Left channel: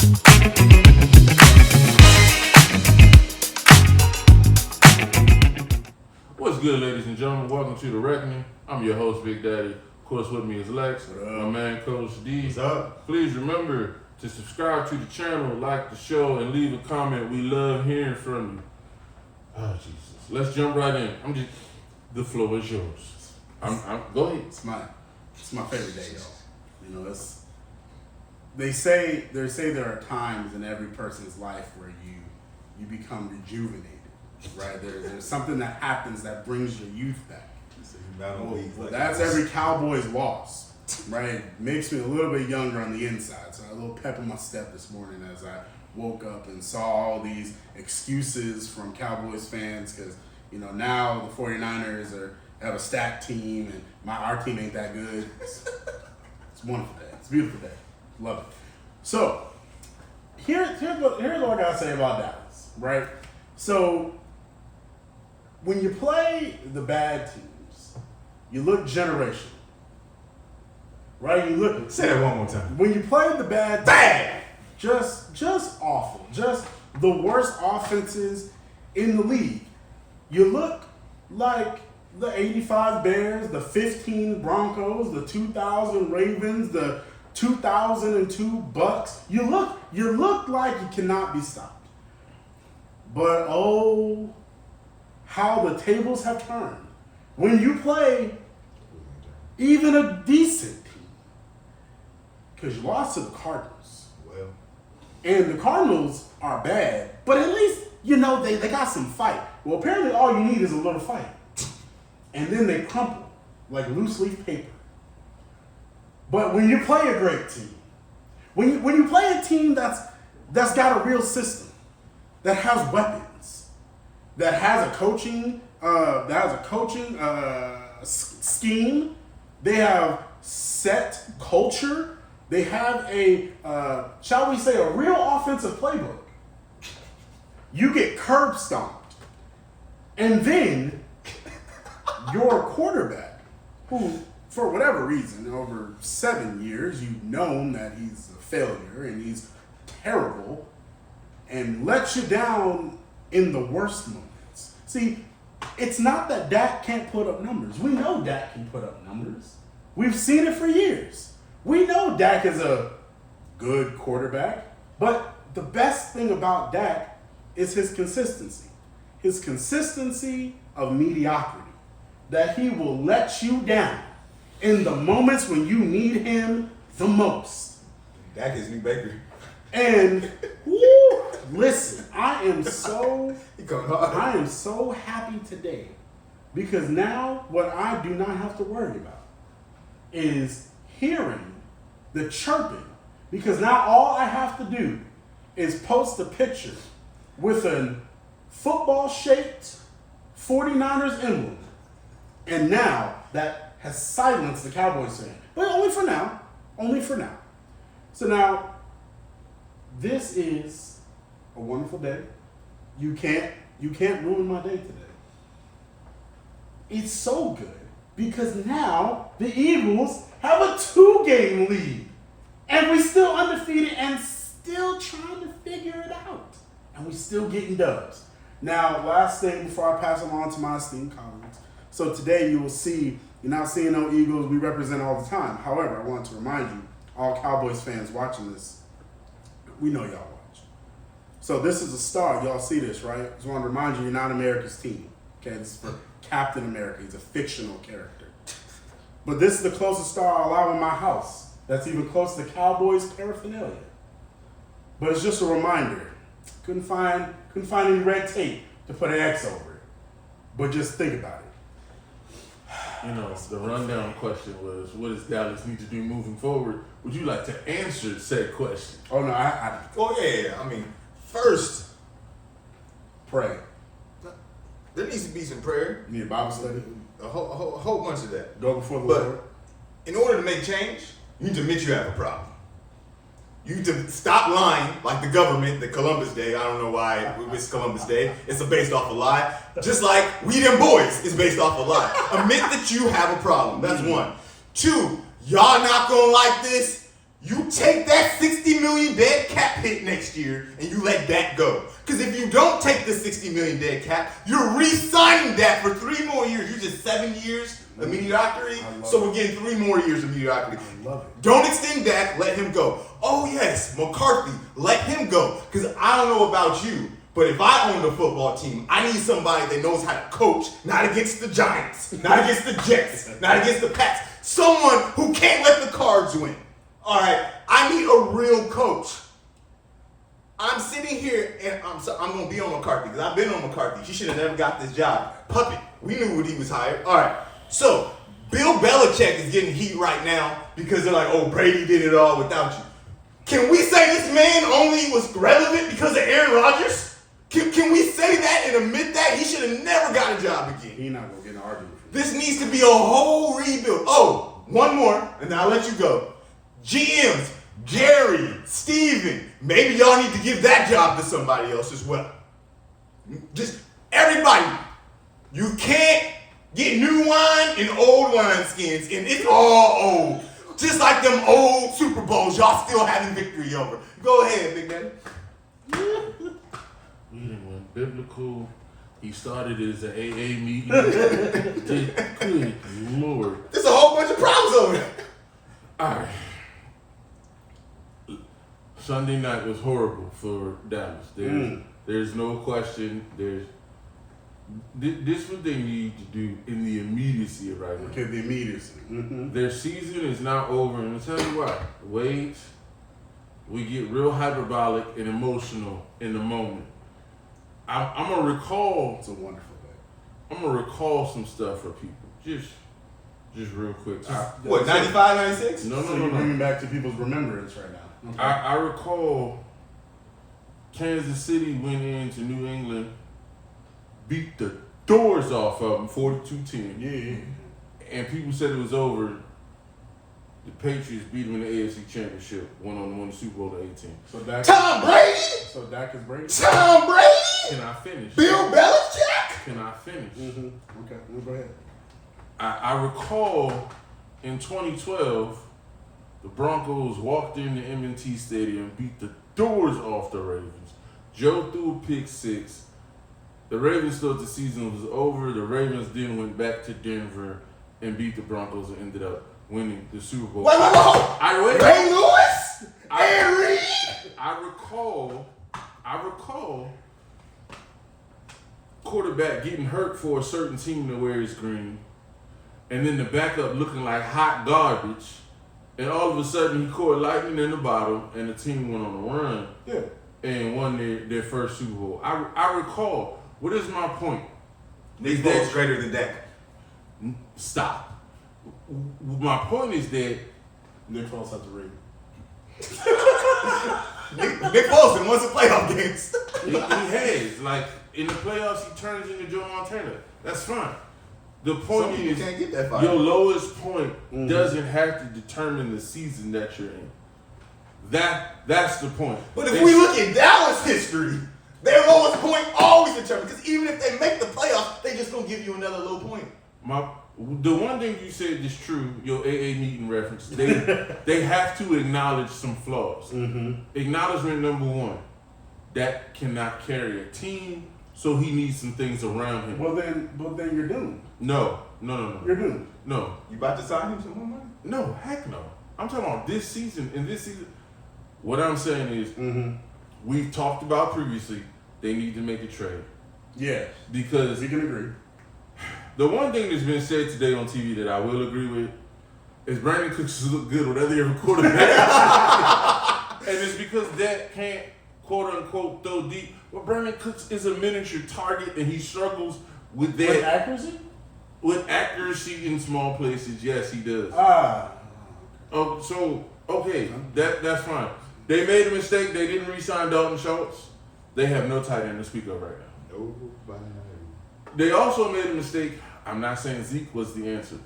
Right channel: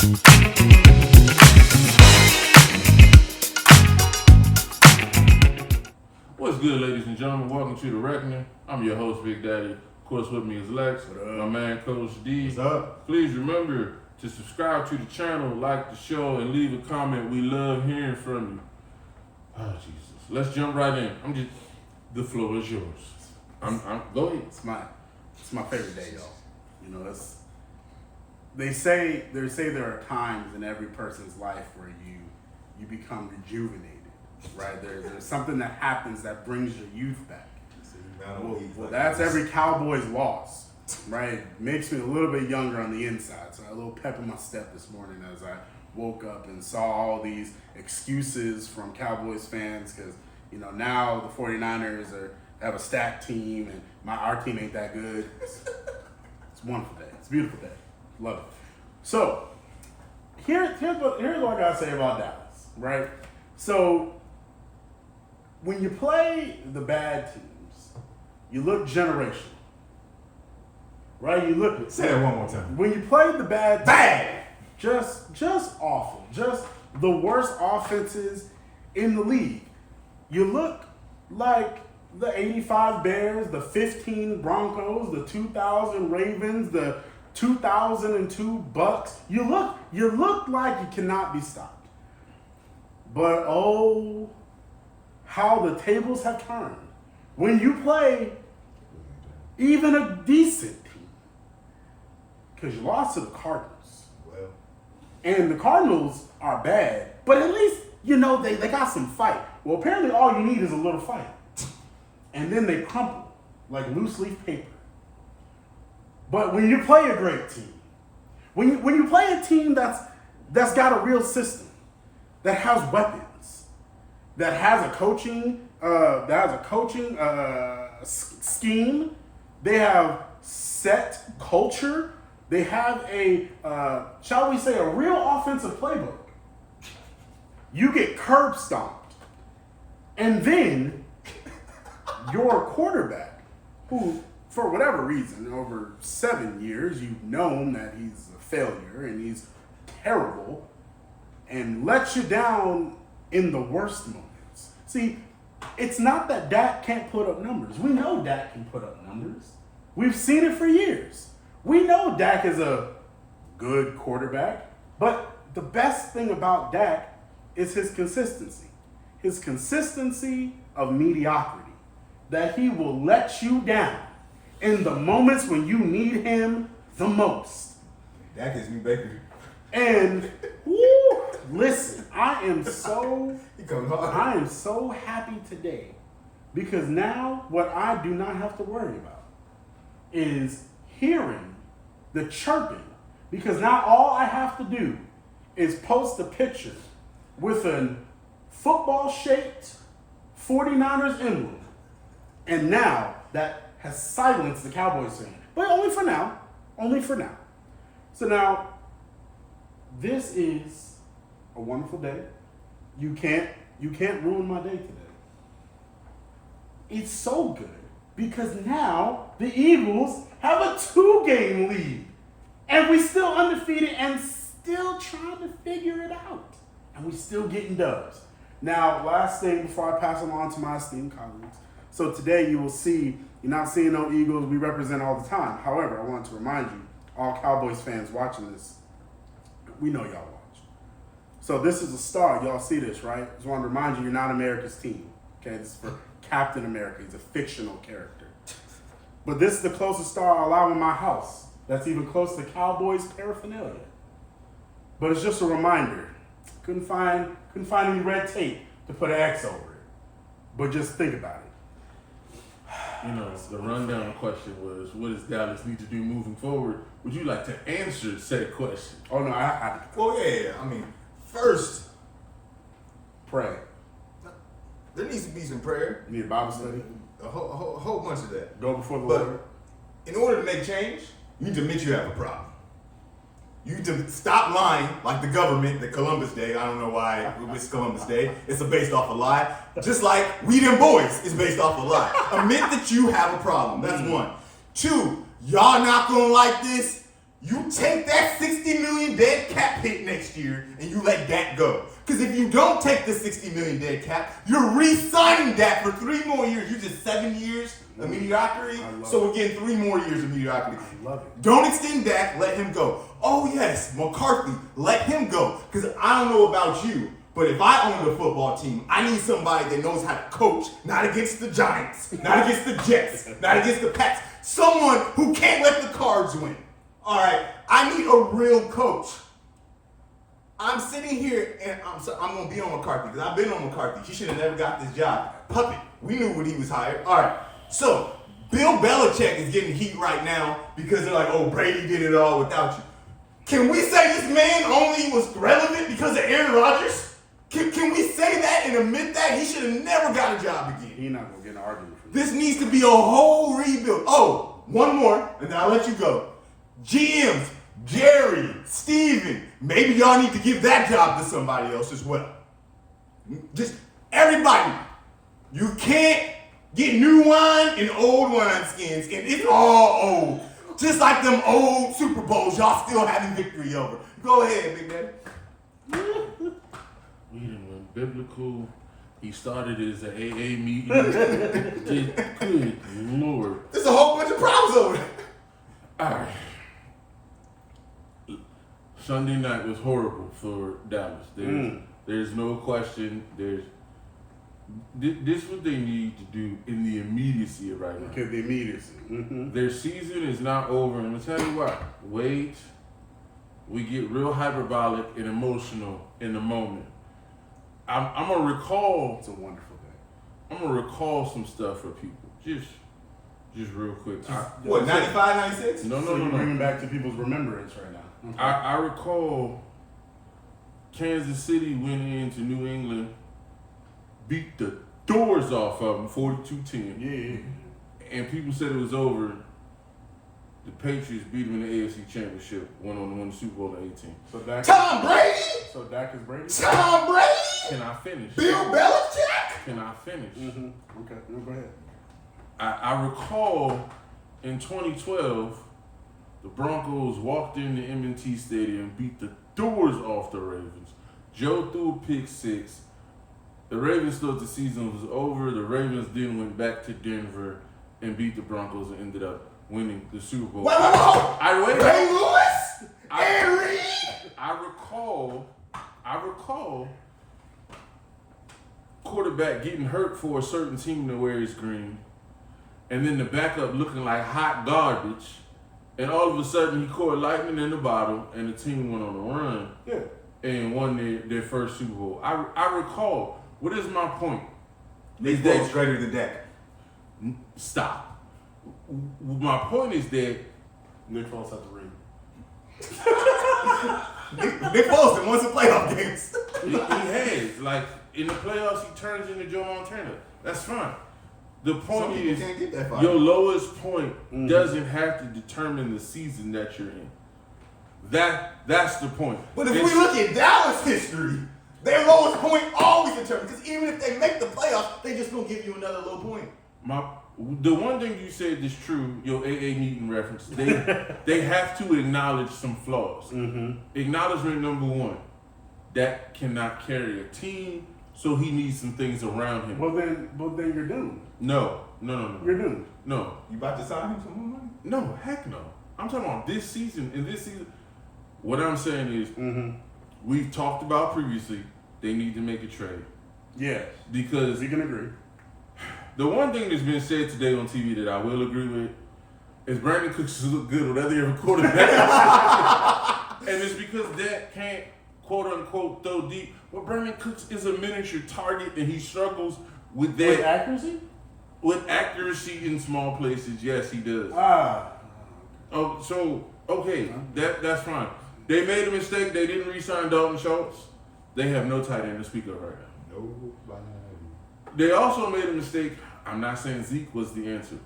What's good, ladies and gentlemen? Welcome to The Reckoning. I'm your host, Big Daddy. Of course, with me is Lex, my man, Coach D. What's up? Please remember to subscribe to the channel, like the show, and leave a comment. We love hearing from you. Oh, Jesus. Let's jump right in. The floor is yours. Go ahead. It's my favorite day, y'all. You know, they say there are times in every person's life where you become rejuvenated, right? There's something that happens that brings your youth back. Well, that's every Cowboys loss, right? Makes me a little bit younger on the inside. So I had a little pep in my step this morning as I woke up and saw all these excuses from Cowboys fans because, you know, now the 49ers have a stacked team and our team ain't that good. It's a wonderful day. It's a beautiful day. Love it. So here's what I gotta say about Dallas, right? So when you play the bad teams, you look generational, right? Say that one more time. When you play the bad, just awful, just the worst offenses in the league. You look like the 85 Bears, the 15 Broncos, the 2000 Ravens, the 2002 Bucks. You look like you cannot be stopped. But oh, how the tables have turned. When you play even a decent team, because you lost to the Cardinals. Well, and the Cardinals are bad, but at least, you know, they got some fight. Well, apparently all you need is a little fight. And then they crumple like loose leaf paper. But when you play a great team, when you play a team that's got a real system, that has weapons, that has a coaching scheme, they have set culture, they have shall we say, a real offensive playbook. You get curb stomped, and then your quarterback, who for whatever reason over 7 years you've known that he's a failure and he's terrible, and lets you down in the worst moments. See, it's not that Dak can't put up numbers. We know Dak can put up numbers. We've seen it for years. We know Dak is a good quarterback, but the best thing about Dak is his consistency. His consistency of mediocrity. That he will let you down in the moments when you need him the most. Dak is new Baker. And woo, listen, I am so happy today because now what I do not have to worry about is hearing the chirping, because now all I have to do is post a picture with a football-shaped 49ers emblem, and now that has silenced the Cowboys fan. But only for now. So now, this is a wonderful day. You can't ruin my day today. It's so good because now the Eagles have a 2-game lead. And we still undefeated and still trying to figure it out. And we still getting dubs. Now, last thing before I pass it on to my esteemed colleagues. So today you will see, you're not seeing no Eagles we represent all the time. However, I want to remind you, all Cowboys fans watching this, we know y'all watch. So this is a star. Y'all see this, right? Just want to remind you, you're not America's team. Okay, this is for Captain America. He's a fictional character. But this is the closest star I allow in my house. That's even close to Cowboys paraphernalia. But it's just a reminder. Couldn't find any red tape to put an X over it. But just think about it. You know, the rundown question was, what does Dallas need to do moving forward? Would you like to answer said question? Oh, no, I Well, yeah. I mean, first, pray. there needs to be some prayer. You need a Bible study? A whole bunch of that. Go before the But Lord. in order to make change, you need to admit you have a problem. You need to stop lying like the government, the Columbus Day. I don't know why it's Columbus Day. It's based off a lie. Just like We Them Boys is based off a lie. Admit that you have a problem. That's one. Two, y'all not gonna like this. You take that $60 million dead cap hit next year and you let Dak go. Because if you don't take the $60 million dead cap, you're re-signing Dak for 3 more years. You're just 7 years of mediocrity. So we're getting 3 more years of mediocrity. I love it. Don't extend Dak, let him go. Oh yes, McCarthy, let him go. Because I don't know about you, but if I own the football team, I need somebody that knows how to coach, not against the Giants, not against the Jets, not against the Pats. Someone who can't let the Cards win. All right, I need a real coach. I'm sitting here and I'm going to be on McCarthy because I've been on McCarthy. She should have never got this job. Puppet. We knew when he was hired. All right, so Bill Belichick is getting heat right now because they're like, oh, Brady did it all without you. Can we say this man only was relevant because of Aaron Rodgers? Can we say that and admit that? He should have never got a job again. He's not going to get an argument for This needs to be a whole rebuild. Oh, one more, and then I'll let you go. GMs, Jerry, Steven, maybe y'all need to give that job to somebody else as well. Just everybody. You can't get new wine in old wine skins, and it's all old. Just like them old Super Bowls y'all still having victory over. Go ahead, Big Man. We done went biblical. He started as an AA meeting. Good Lord. There's a whole bunch of problems over there. All right. Sunday night was horrible for Dallas. There's no question. This what they need to do in the immediacy of right now. Okay, the immediacy. Mm-hmm. Their season is not over, and I'll tell you what. Wait, we get real hyperbolic and emotional in the moment. I'm gonna recall. It's a wonderful day. I'm gonna recall some stuff for people. Just real quick. What, 95, 96? No. You're bringing back to people's remembrance right now. Okay. I recall Kansas City went into New England, beat the doors off of them, 42-10. Yeah. And people said it was over. The Patriots beat them in the AFC Championship, went on to win the Super Bowl in 18. So Dak. Tom Brady? So Dak is Brady? Tom Brady? Can I finish? Bill Belichick? Can I finish? Mm-hmm. Okay, go ahead. I recall in 2012, the Broncos walked into M&T Stadium, beat the doors off the Ravens. Joe threw a pick 6. The Ravens thought the season was over. The Ravens then went back to Denver and beat the Broncos and ended up winning the Super Bowl. Wait. Ray Lewis? And Reed? I recall quarterback getting hurt for a certain team that wears green, and then the backup looking like hot garbage, and all of a sudden he caught lightning in the bottle, and the team went on a run and won their first Super Bowl. I recall. What is my point? Nick Foles greater than Dak. Stop. My point is that Nick Foles has the ring. Nick Foles done won some playoff games. he has. Like, in the playoffs, he turns into Joe Montana. That's fine. The point Some people is, can't get that far. your lowest point doesn't have to determine the season that you're in. That's the point. But if we look at Dallas history, their lowest point always determined. Because even if they make the playoffs, they just gonna give you another low point. The one thing you said is true. Your AA meeting reference. They have to acknowledge some flaws. Mm-hmm. Acknowledgement number 1. That cannot carry a team, so he needs some things around him. Well then you're doomed. No. You're doomed. No. You about to sign him some more money? No, heck no. I'm talking about this season. In this season, what I'm saying is, we've talked about previously, they need to make a trade. Yeah. Because we can agree. the one thing that's been said today on TV that I will agree with is Brandon Cooks look good with every other quarterback. And it's because Dak can't, quote unquote, throw deep. Well, Brandon Cooks is a miniature target and he struggles with that. With accuracy? With accuracy in small places, yes, he does. So, okay, that's fine. They made a mistake. They didn't re-sign Dalton Schultz. They have no tight end to speak of right now. Nobody. They also made a mistake. I'm not saying Zeke was the answer.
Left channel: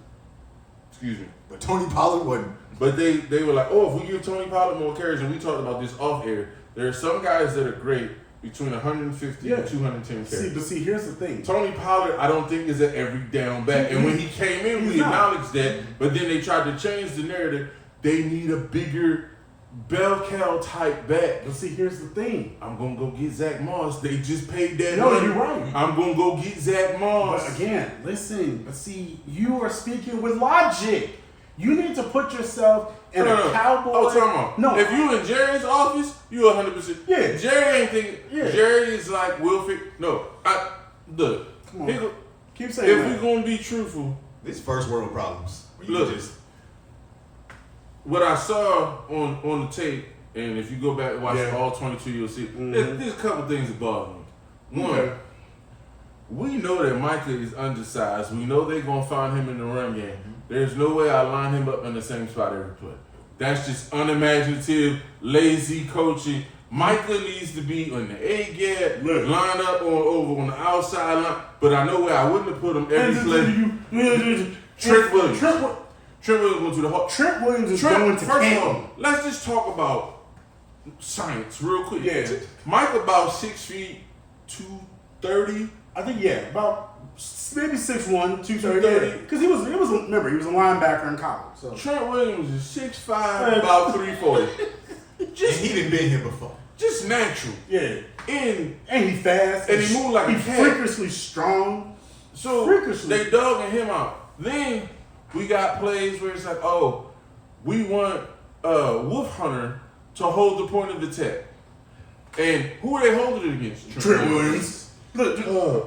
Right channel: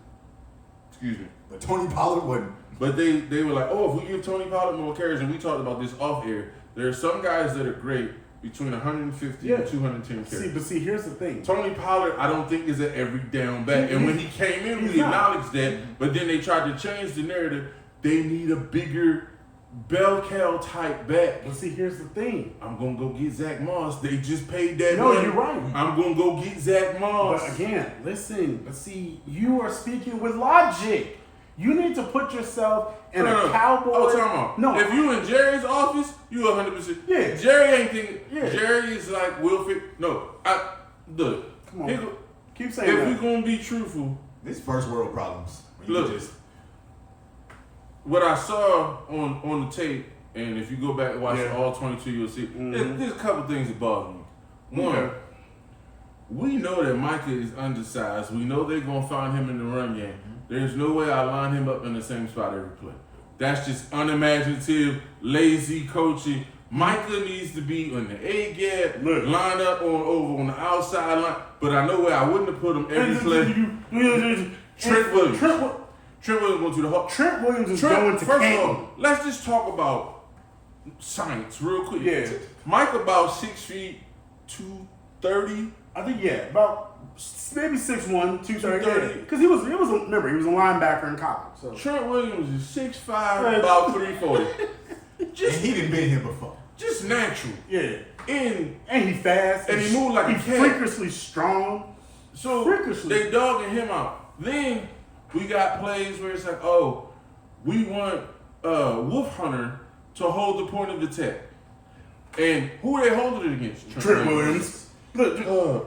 Excuse me. But Tony Pollard wasn't. But they were like, oh, if we give Tony Pollard more carries, and we talked about this off air, there are some guys that are great between 150 and 210 carries. See, here's the thing. Tony Pollard, I don't think is an every down back. And when he came in, we acknowledged that. But then they tried to change the narrative. They need a bigger bell cow type back. But see, here's the thing. I'm gonna go get Zach Moss. They just paid that No, money. you're right. I'm gonna go get Zach Moss. But again, listen. But see, you are speaking with logic. You need to put yourself in a cowboy. Oh, time out. No, If you in Jerry's office, you 100%. Yeah. Jerry ain't thinking. Yeah. Jerry is like Wilfred. No, look. Come on. Here Keep saying if that. we gonna be truthful, This first world problems. When you look. just What I saw on the tape, and if you go back and watch all 22, you'll see there's a couple things that bother me. One, Okay. we know that Micah is undersized. We know they're gonna find him in the run game. There's no way I line him up in the same spot every play. That's just unimaginative, lazy coaching. Micah needs to be on the A gap, Look. line up over on the outside line. But I know where I wouldn't have put him every play. Trent Williams. Trent Williams going to the heart. Trent Williams is going to First of Canton. all, let's just talk about science real quick. Yeah. Mike about 6 feet, 230. I think about maybe 6'1", 230. 230. Because he was remember he was a linebacker in college. So Trent Williams is 6'5", about 340. and he done been here before. Just natural. yeah, And and he fast And he moved like a he's cat. freakishly strong. so Freakishly. they dogging him out. Then we got plays where it's like, oh, we want Wolf Hunter to hold the point of attack. And who are they holding it against? Trent Williams. Look,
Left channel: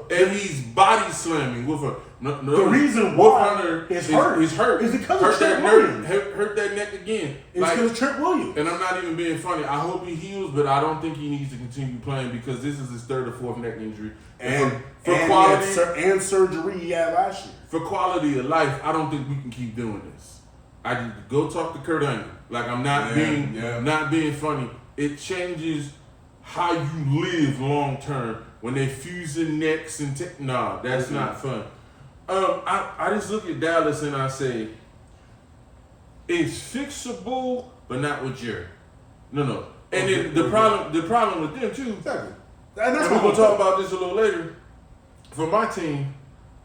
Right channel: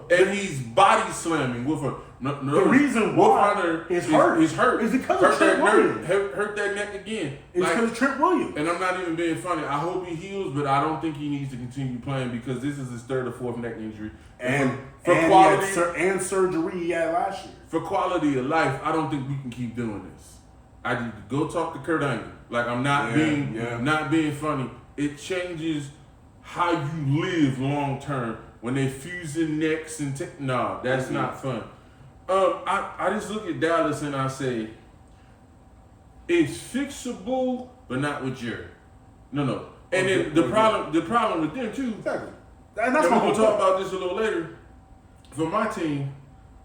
And he's body slamming with a. the reason Wolf why Hunter is hurt is hurt. is because hurt of Trent that Williams. hurt that neck again. It's Like, because of Trent Williams. and I'm not even being funny. I hope he heals, but I don't think he needs to continue playing because this is his third or fourth neck injury. And for and quality, he had and surgery he had last year. for quality of life, I don't think we can keep doing this. I need to go talk to Kurt Angle. Like I'm not not being funny. It changes how you live long term when they fusing necks and nah, that's not fun. I just look at Dallas and I say it's fixable, but not with Jerry. No. And then the problem with them too. Exactly. And that's And we're what gonna talk about this a little later. For my team,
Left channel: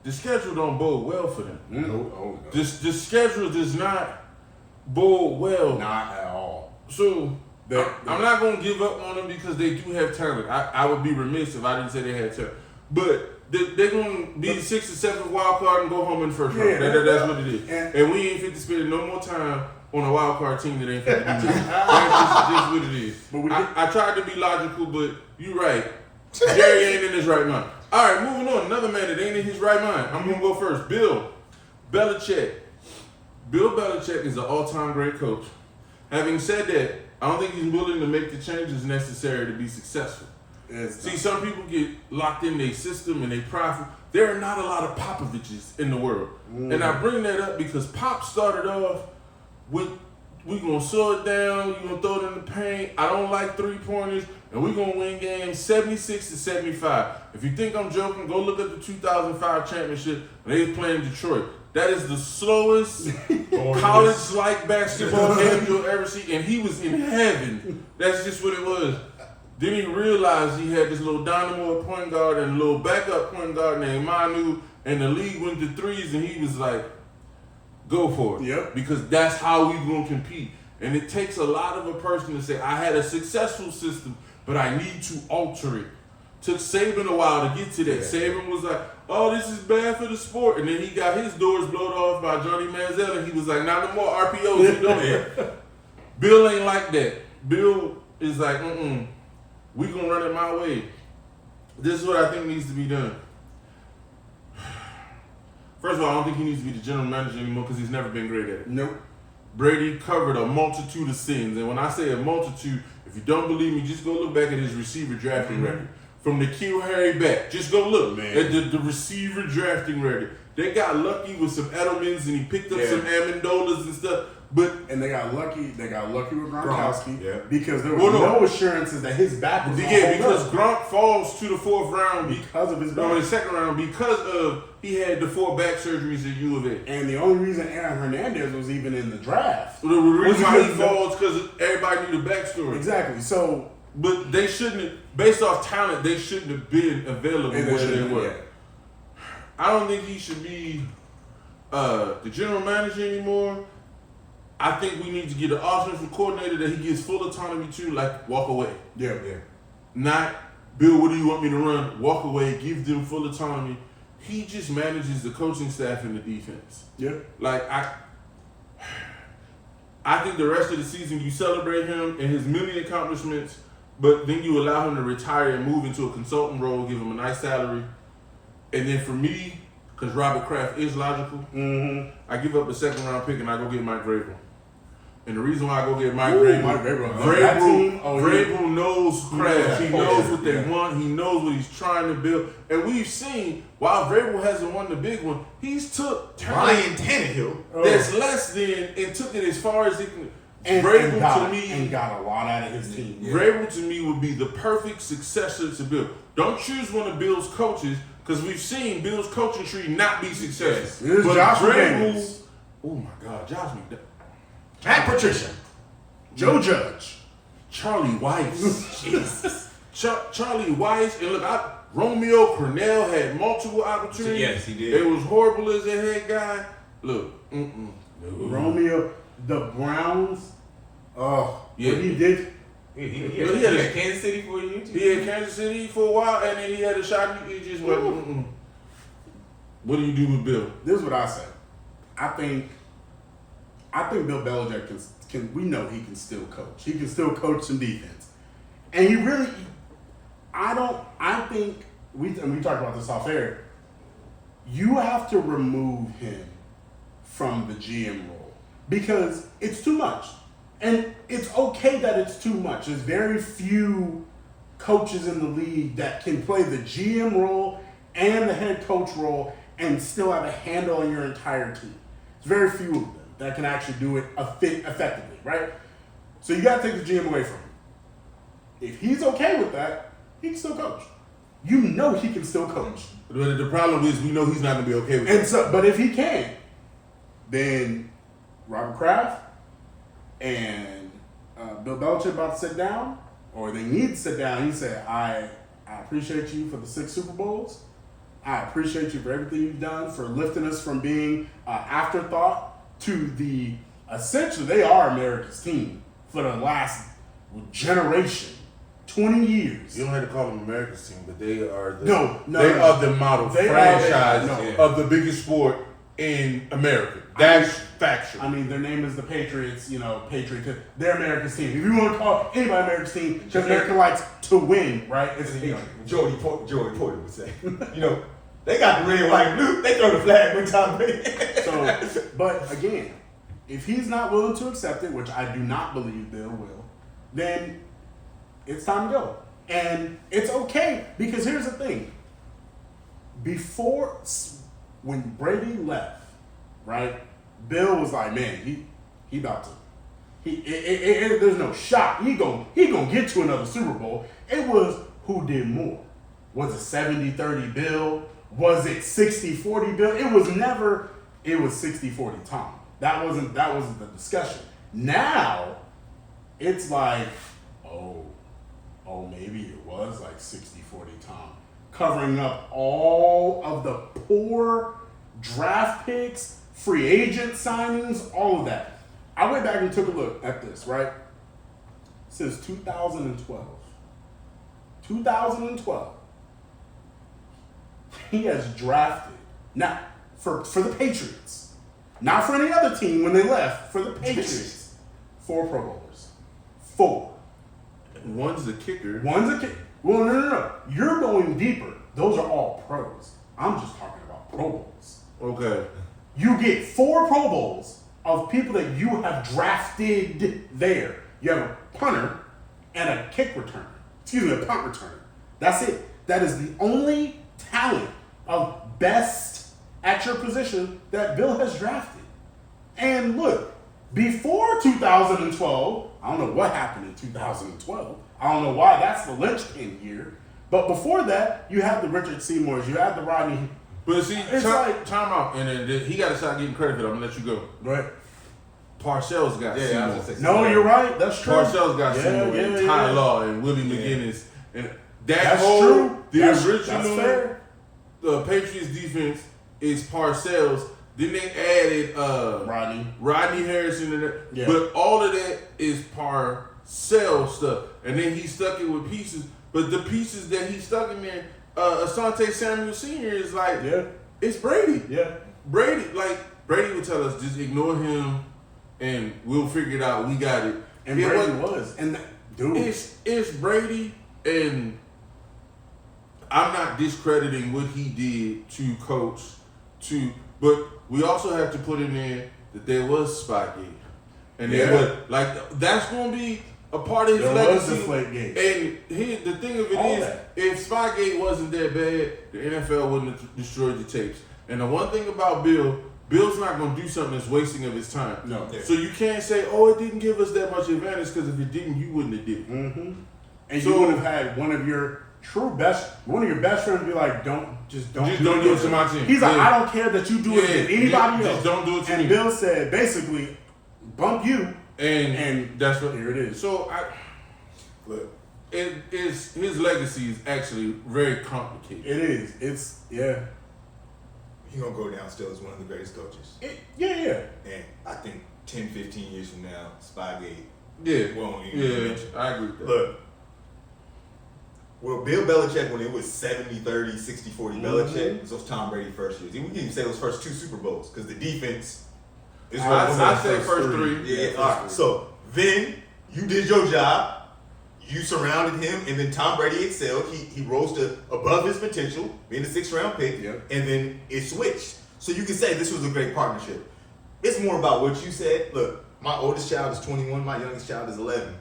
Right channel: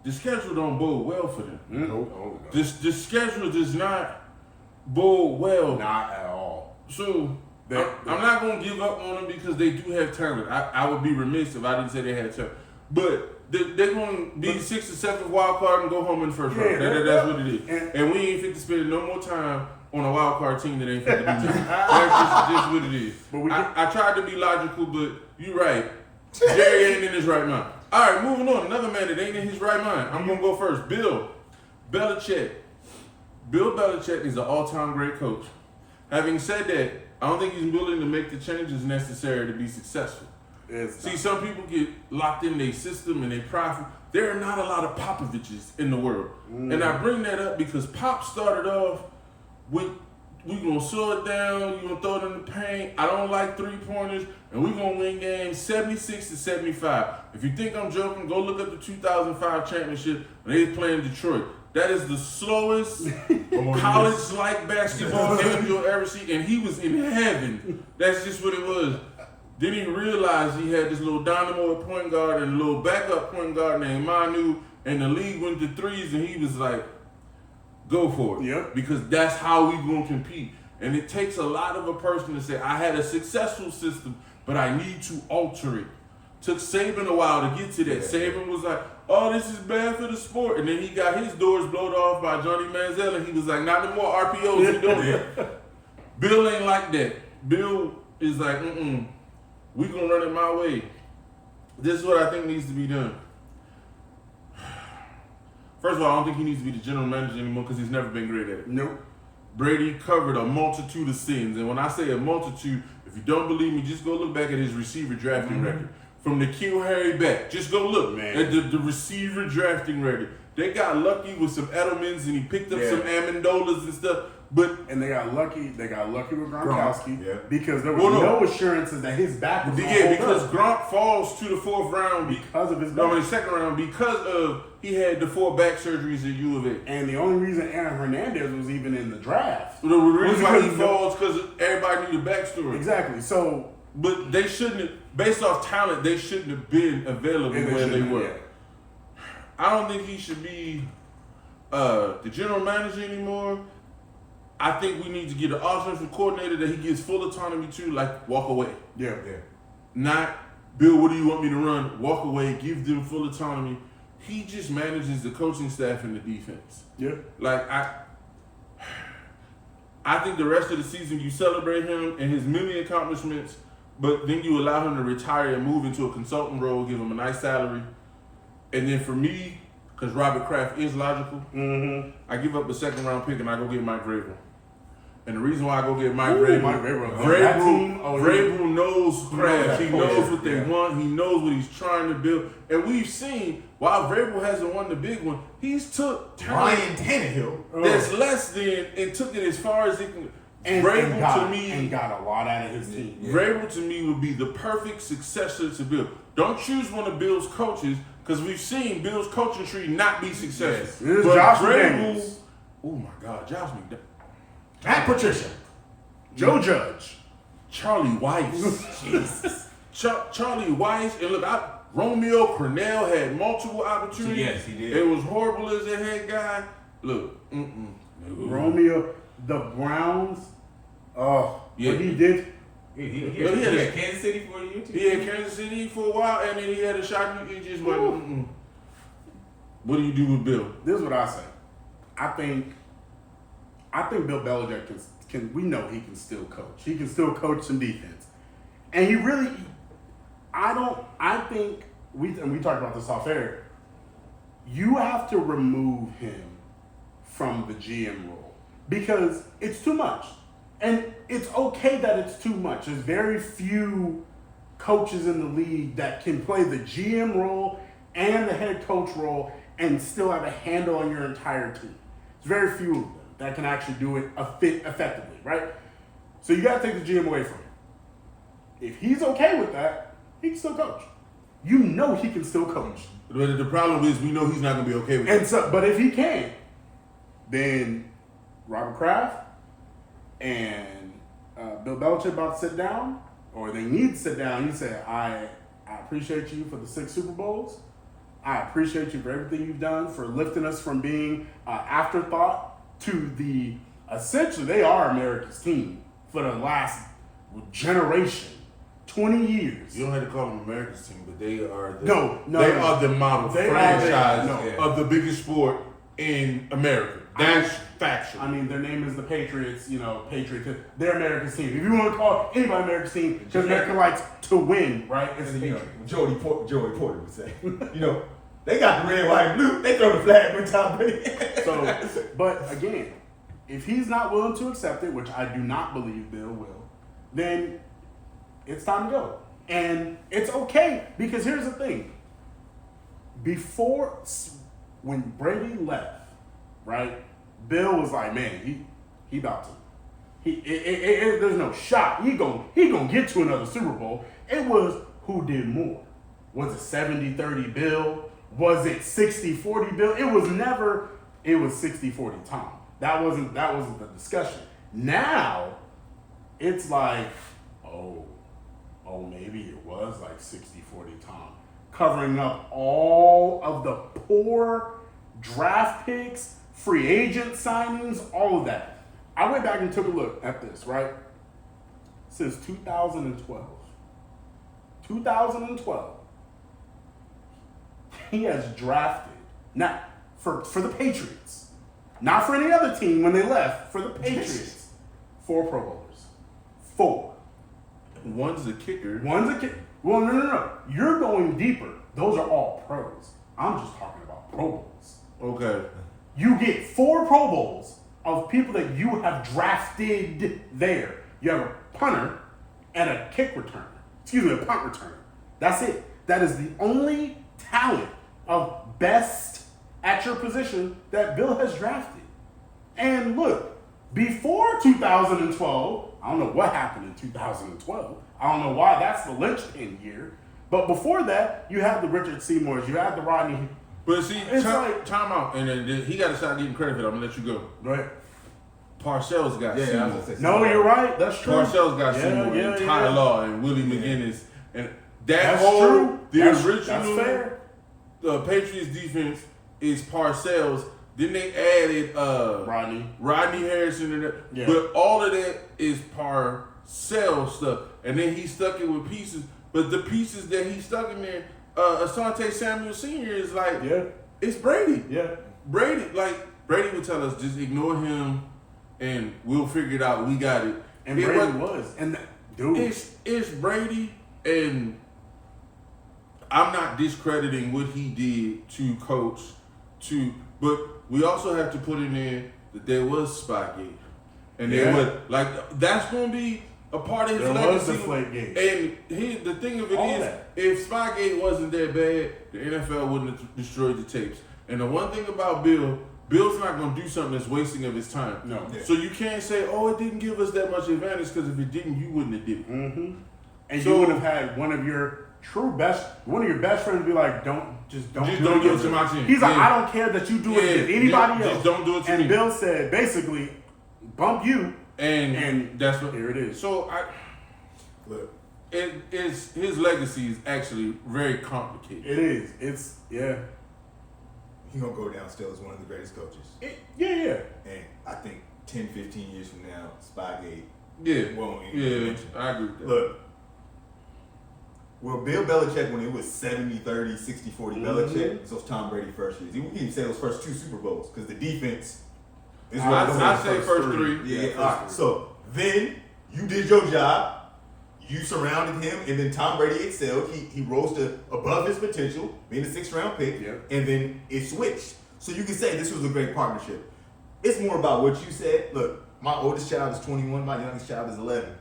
the schedule don't bode well for them. No. The schedule does not bode well. Not at all. So I'm not gonna give up on them because they do have talent. I would be remiss if I didn't say they had talent. But they're gonna be 6th or 7th wild card and go home in the first round. That's what it is. And we ain't fit to spend no more time on a wild card team that ain't fit to do nothing. That's just what it is. But I tried to be logical, but you're right. Jerry ain't in his right mind. All right, moving on. Another man that ain't in his right mind. I'm gonna go first. Bill Belichick. Bill Belichick is an all-time great coach. Having said that, I don't think he's willing to make the changes necessary to be successful. See, some people get locked in their system and they prideful. There are not a lot of Popoviches in the world. And I bring that up because Pop started off with, we gonna slow it down, you gonna throw it in the paint, I don't like 3-pointers, and we gonna win games 76-75. If you think I'm joking, go look at the 2005 championship when they was playing Detroit. That is the slowest college-like basketball game you'll ever see, and he was in heaven. That's just what it was. Then he realized he had this little dynamo at point guard and a little backup point guard named Manu, and the league went to threes, and he was like, go for it. Yep. Because that's how we gonna compete. And it takes a lot of a person to say, I had a successful system, but I need to alter it. Took Saban a while to get to that. Saban was like, oh, this is bad for the sport. And then he got his doors blown off by Johnny Manziel, and he was like, not no more RPOs, you doing. Bill ain't like that. Bill is like, we gonna run it my way. This is what I think needs to be done. First of all, I don't think he needs to be the general manager anymore because he's never been great at it. Nope. Brady covered a multitude of sins. And when I say a multitude, if you don't believe me, just go look back at his receiver drafting record. From the Kill Harry back. Just go look at the receiver drafting record. They got lucky with some Edelmans and he picked up some Amendolas and stuff. And they got lucky. They got lucky with Gronkowski because there was no assurances that his back was because Gronk falls to the 4th round because of his back. No, in the 2nd round because of he had the 4 back surgeries at U of A. And the only reason Aaron Hernandez was even in the draft. The reason why he falls because everybody knew the backstory. Exactly. So, but they shouldn't have, based off talent, they shouldn't have been available where they were. Yeah. I don't think he should be the general manager anymore. I think we need to get an offensive coordinator that he gives full autonomy to, like walk away. Yeah. Not, Bill, what do you want me to run? Walk away, give them full autonomy. He just manages the coaching staff and the defense. Yeah. Like, I think the rest of the season you celebrate him and his many accomplishments, but then you allow him to retire and move into a consultant role, give him a nice salary. And then for me, because Robert Kraft is logical, I give up a second round pick and I go get Mike Vrabel. And the reason why I go get Mike Vrabel knows Kraft. He knows what they want. He knows what he's trying to build. And we've seen, while Vrabel hasn't won the big one, he's took Ryan Tannehill that's less than and took it as far as he can. And Vrabel got a lot out of his team. Vrabel to me would be the perfect successor to Bill. Don't choose one of Bill's coaches because we've seen Bill's coaching tree not be successful. Yes. But Josh Vrabel, McDaniels. oh my God, Josh McDaniels. Matt Patricia. Joe Judge. Charlie Weiss. Jesus. Charlie Weiss. And look, Romeo Cornell had multiple opportunities. Yes, he did. It was horrible as a head guy. Look, Romeo, the Browns. Oh, Yeah. what he did. He had had Kansas City for a year too. he had Kansas City for a while, and then he had a shot. He just went. What do you do with Bill? This is what I say. I think Bill Belichick can. We know he can still coach. He can still coach some defense, and he really. I think we talked about this off air. You have to remove him from the GM role because it's too much, and it's okay that it's too much. There's very few coaches in the league that can play the GM role and the head coach role and still have a handle on your entire team. There's very few of them that can actually do it effectively, right? So you got to take the GM away from him. If he's okay with that, he can still coach. You know he can still coach. But the problem is we know he's not going to be okay with it. And so, but if he can, then Robert Kraft and Bill Belichick about to sit down, or they need to sit down. He said, I appreciate you for the 6 Super Bowls. I appreciate you for everything you've done, for lifting us from being afterthought to the, essentially, they are America's team for the last generation, 20 years. You don't have to call them America's team, but they are the No, are the model They franchise are of the biggest sport in America. That's factual. I mean, their name is the Patriots, Patriots. They're America's team. If you want to call anybody America's team, because America likes to win, right? It's the Patriots. Joey Porter would say, they got the red, white, and blue. They throw the flag with Tom Brady. So, but again, if he's not willing to accept it, which I do not believe Bill will, then it's time to go. And it's okay, because here's the thing. When Brady left, right, Bill was like, man, he about to. There's no shot. He gonna get to another Super Bowl. It was who did more. Was it 70-30 Bill? Was it 60-40 Bill? It was 60-40 Tom. That wasn't the discussion. Now, it's like, oh, maybe it was like 60-40 Tom. Covering up all of the poor draft picks, free agent signings, all of that. I went back and took a look at this, right? Since 2012, he has drafted, not for the Patriots, not for any other team when they left, for the Patriots, 4 Pro Bowlers. 4. One's a kicker. Well, no. You're going deeper. Those are all pros. I'm just talking about Pro Bowls. Okay. You get 4 Pro Bowls of people that you have drafted there. You have a punter and a kick returner. A punt returner. That's it. That is the only talent of best at your position that Bill has drafted. And look, before 2012, I don't know what happened in 2012. I don't know why that's the linchpin year. But before that, you had the Richard Seymours, you had the Rodney. But see, It's time out, and then he got to start getting credit for that. I'm gonna let you go. Go ahead. Parcells got Seymour. No, you're right. That's true. Parcells got Seymour, and Ty Law, and Willie McGinnis, and That's true. The That's original fair. Patriots defense is Parcells Then they added Rodney Harrison in there. Yeah. But all of that is Parcell stuff. And then he stuck it with pieces. But the pieces that he stuck in there, Asante Samuel Sr. is like, it's Brady. Yeah. Brady would tell us, just ignore him and we'll figure it out. We got it. And Brady was. And dude. It's Brady, and I'm not discrediting what he did to coach, but we also have to put in there that there was Spygate. And there was, that's going to be a part of his legacy. There was Deflategate. And the thing of it is, if Spygate wasn't that bad, the NFL wouldn't have destroyed the tapes. And the one thing about Bill's not going to do something that's wasting of his time. No. Yeah. So you can't say, oh, it didn't give us that much advantage, because if it didn't, you wouldn't have did it. Mm-hmm. And you would have had one of your best friends be like, don't do it to my team. He's like, I don't care that you do it against anybody else. Just don't do it to me. And Bill said, basically, bump you. And that's what here it is. So his legacy is actually very complicated. It is. It's He's gonna go down still as one of the greatest coaches. Yeah. And I think 10, 15 years from now, Spygate won't even Yeah, mention. I agree with that. Look, well, Bill Belichick, when it was 70-30, 60-40 Belichick, it was those Tom Brady first years. We can even say those first 2 Super Bowls, because the defense is I say first 3. Yeah, all right. So then you did your job. You surrounded him, and then Tom Brady excelled. He rose to above his potential, being a 6th-round pick, and then it switched. So you can say this was a great partnership. It's more about what you said. Look, my oldest child is 21. My youngest child is 11.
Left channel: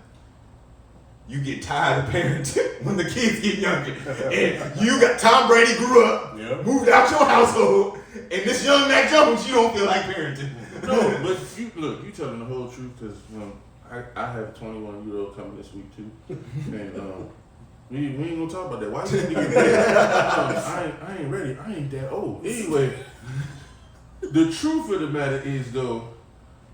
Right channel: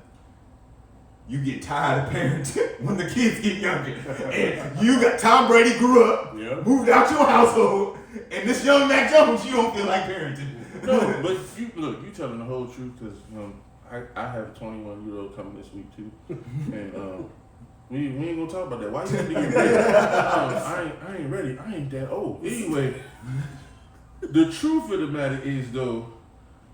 You get tired of parenting when the kids get younger. And you got Tom Brady grew up, moved out your household, and this young Mac Jones, you don't feel like parenting. No, but you telling the whole truth, because I have a 21-year-old coming this week too, and we ain't gonna talk about that. Why you need to get ready? I ain't ready. I ain't that old. Anyway, the truth of the matter is though,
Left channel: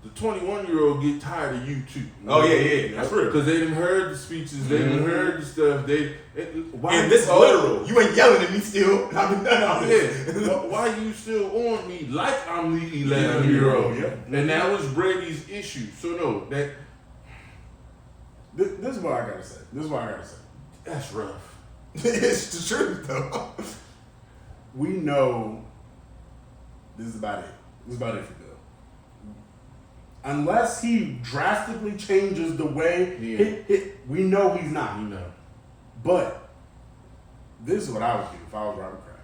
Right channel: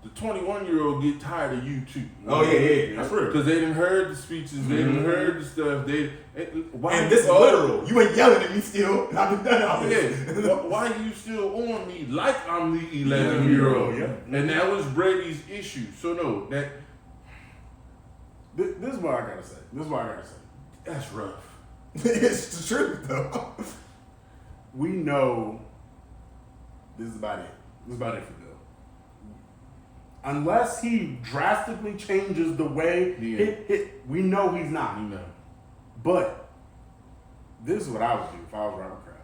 the 21-year-old get tired of you too. Oh yeah, that's real. Because they didn't heard the speeches, they didn't heard the stuff. And this is literal. You ain't yelling at me still. I've been done all this. Why you still on me like I'm the 11-year-old? And that was Brady's issue. So no, that. This is what I gotta say. That's rough. It's the truth, though. We know this is about it. This is about it for Bill. Unless he drastically changes the way we know he's not. We know. But this is what I would do if I was Robert Kraft.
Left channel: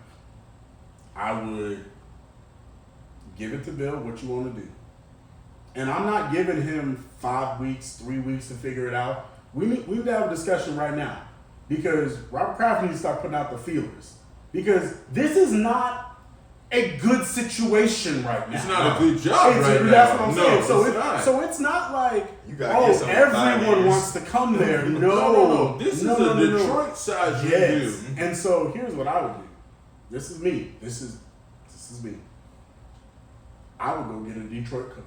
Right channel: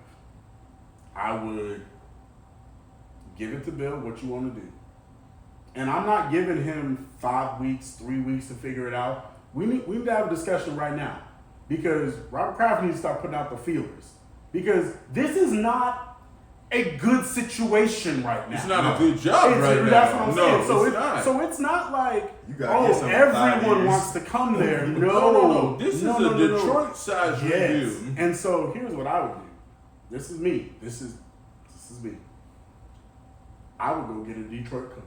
I would give it to Bill, what you want to do. And I'm not giving him 5 weeks, 3 weeks to figure it out. We need to have a discussion right now, because Robert Kraft needs to start putting out the feelers, because this is not a good situation right now. It's not a good job right now. That's what I'm saying. No, so it's not like, everyone everyone wants to come there. No. This is a Detroit size review. And so here's what I would do. This is me. This is me. I would go get a Detroit coach.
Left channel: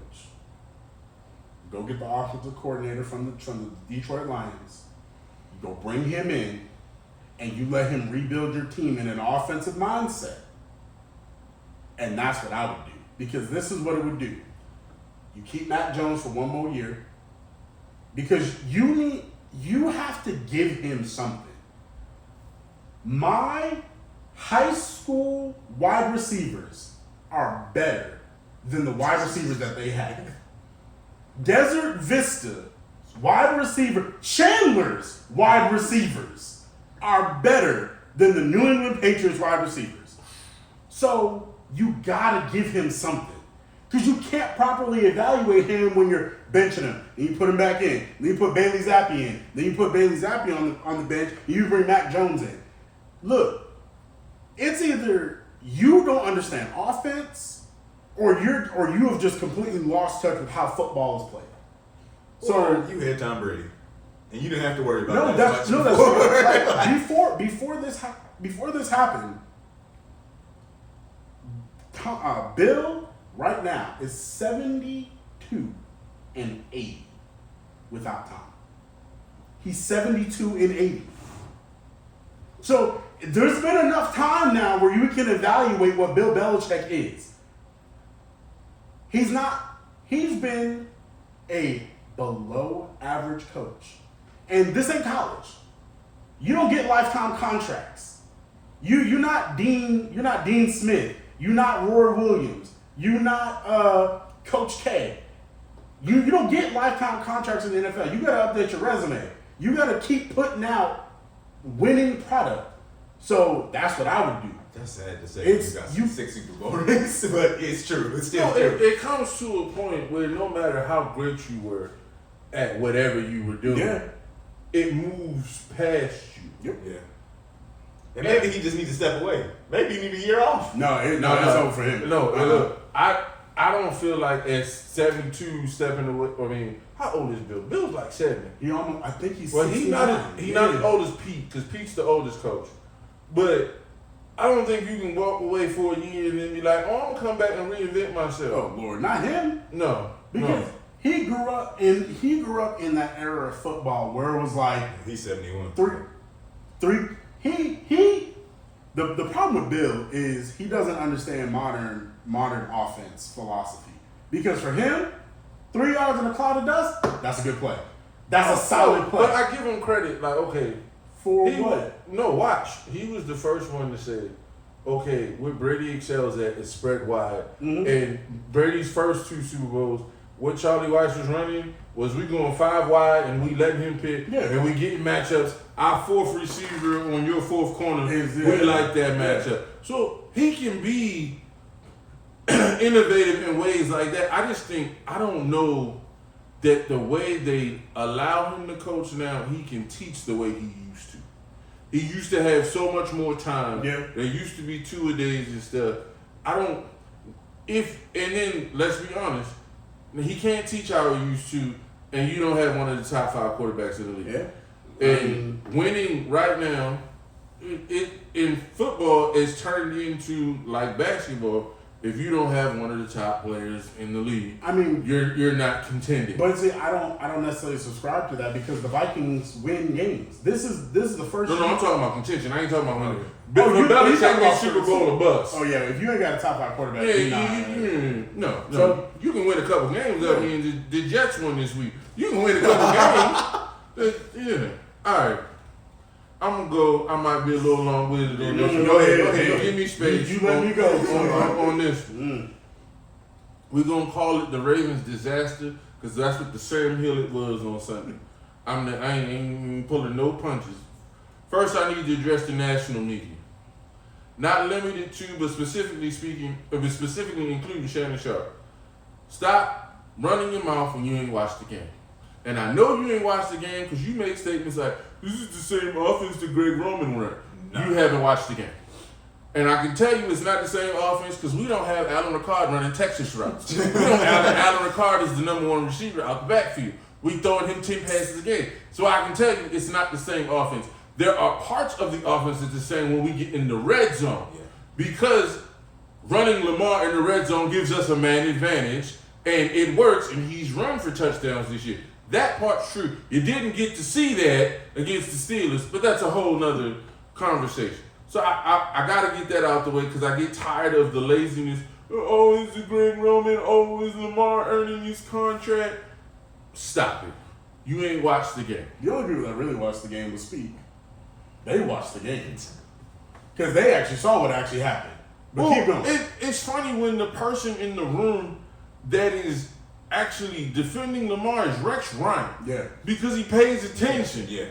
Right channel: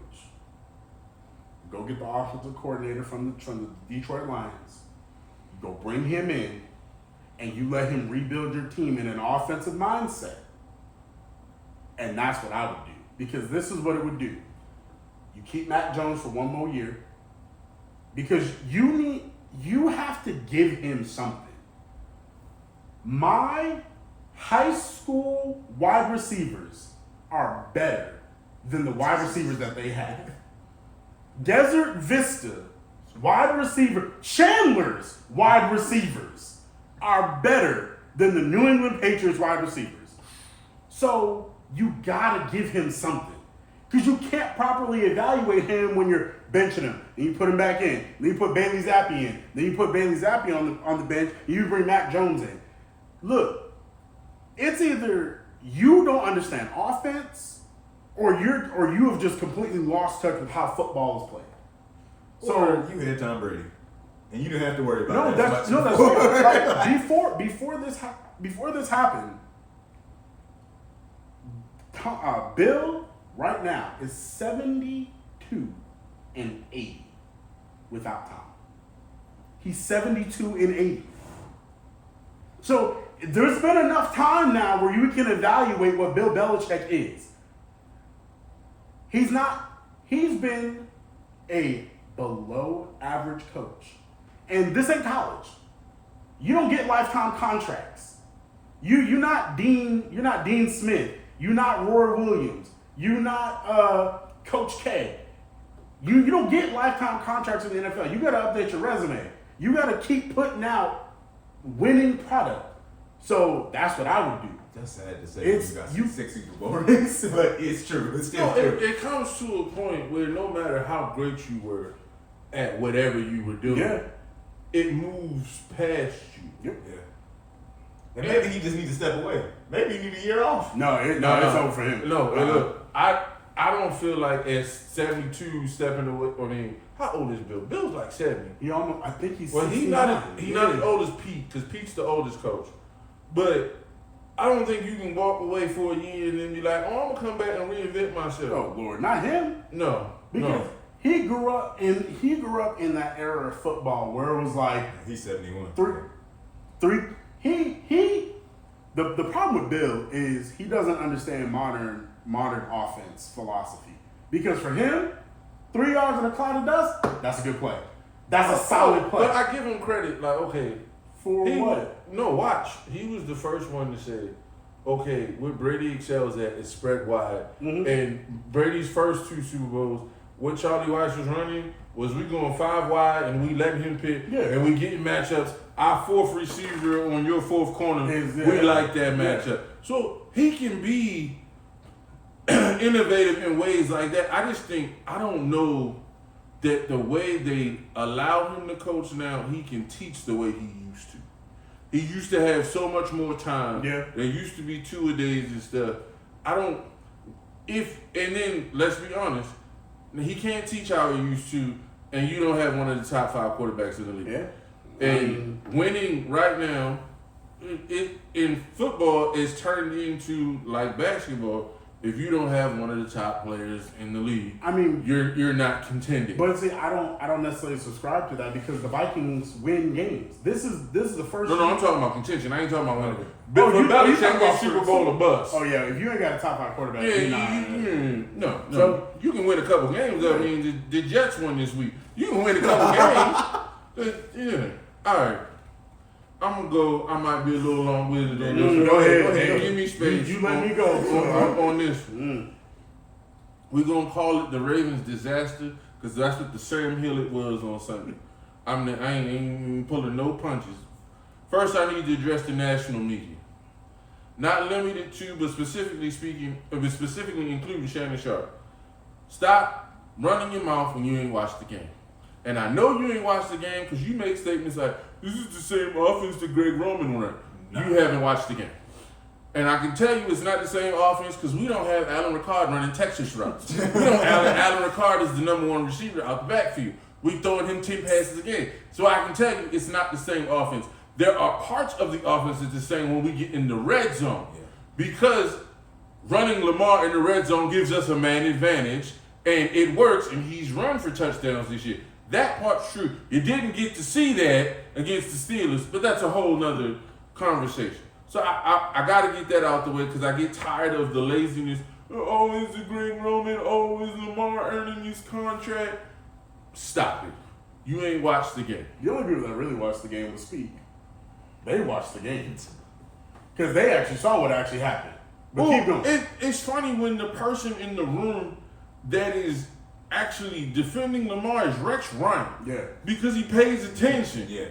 Go get the offensive coordinator from the Detroit Lions. You go bring him in, and you let him rebuild your team in an offensive mindset. And that's what I would do, because this is what it would do. You keep Mac Jones for 1 more year, because you have to give him something. My high school wide receivers are better than the wide receivers that they have. Desert Vista wide receiver, Chandler's wide receivers are better than the New England Patriots wide receivers. So you gotta give him something, because you can't properly evaluate him when you're benching him. Then you put him back in. Then you put Bailey Zappi in. Then you put Bailey Zappi on the bench. And you bring Mac Jones in. Look, it's either you don't understand offense, or you have just completely lost touch with how football is played. So you had Tom Brady, and you didn't have to worry about that's true. Like, before this happened, Bill right now is 72-80 without Tom. He's 72-80. So there's been enough time now where you can evaluate what Bill Belichick is. He's not. He's been a below average coach, and this ain't college. You don't get lifetime contracts. You're not Dean. You're not Dean Smith. You're not Roy Williams. You're not Coach K. You don't get lifetime contracts in the NFL. You got to update your resume. You got to keep putting out winning product. So that's what I would do. That's sad to say. It's- You got you- some 6 Super Bowl rings, but it's true. It's still No, true. it comes to a point where no matter how great you were at whatever you were doing, Yeah. it moves past you. Yep. Yeah. And maybe he just needs to step away. Maybe he need a year off. No, it's over for him. No, Uh-uh. look, I don't feel like at 72 stepping away. I mean, how old is Bill? Bill's like 70. He almost. I think he's. Well, he's not 69. not as old as Pete, because Pete's the oldest coach. But I don't think you can walk away for a year and then be like, oh, I'm gonna come back and reinvent myself. Oh Lord, not him. No, Because no. he grew up in that era of football where it was like He's 71. three. The problem with Bill is he doesn't understand modern offense philosophy. Because for him, 3 yards in a cloud of dust, that's a good play. That's a solid play. But I give him credit. Like, okay, For he what? was, no, watch. He was the first one to say, okay, what Brady excels at is spread wide. Mhm. And Brady's first 2 Super Bowls, what Charlie Weiss was running was we going 5 wide and we letting him pick, Yeah. and we getting matchups. Our 4th receiver on your 4th corner, Yeah. we like that matchup. So he can be innovative in ways like that. I just think, I don't know that the way they allow him to coach now, he can teach the way he used to. He used to have so much more time. Yeah. There used to be 2 a days and stuff. And then let's be honest, he can't teach how he used to, and you don't have one of the top 5 quarterbacks in the league. Yeah. And winning right now, in football, is turned into like basketball. If you don't have one of the top players in the league, I mean, you're not contending. but see, I don't necessarily subscribe to that because the Vikings win games. This is the first. No, year- I'm talking about contention. I ain't talking about winning. Oh, But you for Belichick, talking about it's Super Bowl or bust. Oh yeah, if you ain't got a top 5 quarterback, Yeah, you're not. no. So- You can win a couple games. I mean, the Jets won this week. You can win a couple games. Yeah. All right. I'm gonna go. I might be a little long-winded on this. Go ahead. Give me space. You let me go. on this. We're gonna call it the Ravens disaster because that's what the Sam Hill it was on Sunday. I ain't even pulling no punches. First, I need to address the national media. Not limited to, but specifically including Shannon Sharp. Stop running your mouth when you ain't watched the game. And I know you ain't watched the game because you make statements like, this is the same offense that Greg Roman ran. No. You haven't watched the game. And I can tell you it's not the same offense because we don't have Alan Ricard running Texas routes. We don't have Alan Ricard as the number 1 receiver out the backfield. We throwing him 10 passes a game. So I can tell you it's not the same offense. There are parts of the offense that's the same when we get in the red zone. Yeah. Because running Lamar in the red zone gives us a man advantage, and it works, and he's run for touchdowns this year. That part's true. You didn't get to see that against the Steelers, but that's a whole nother conversation. So I got to get that out the way because I get tired of the laziness. Oh, is it Greg Roman? Oh, is Lamar earning his contract? Stop it. You ain't watched the game. The only people that really watched the game was Speak. They watched the games because they actually saw what actually happened. But keep going. It's funny when the person in the room that is actually defending Lamar is Rex Ryan. Yeah. Because he pays attention. Yeah.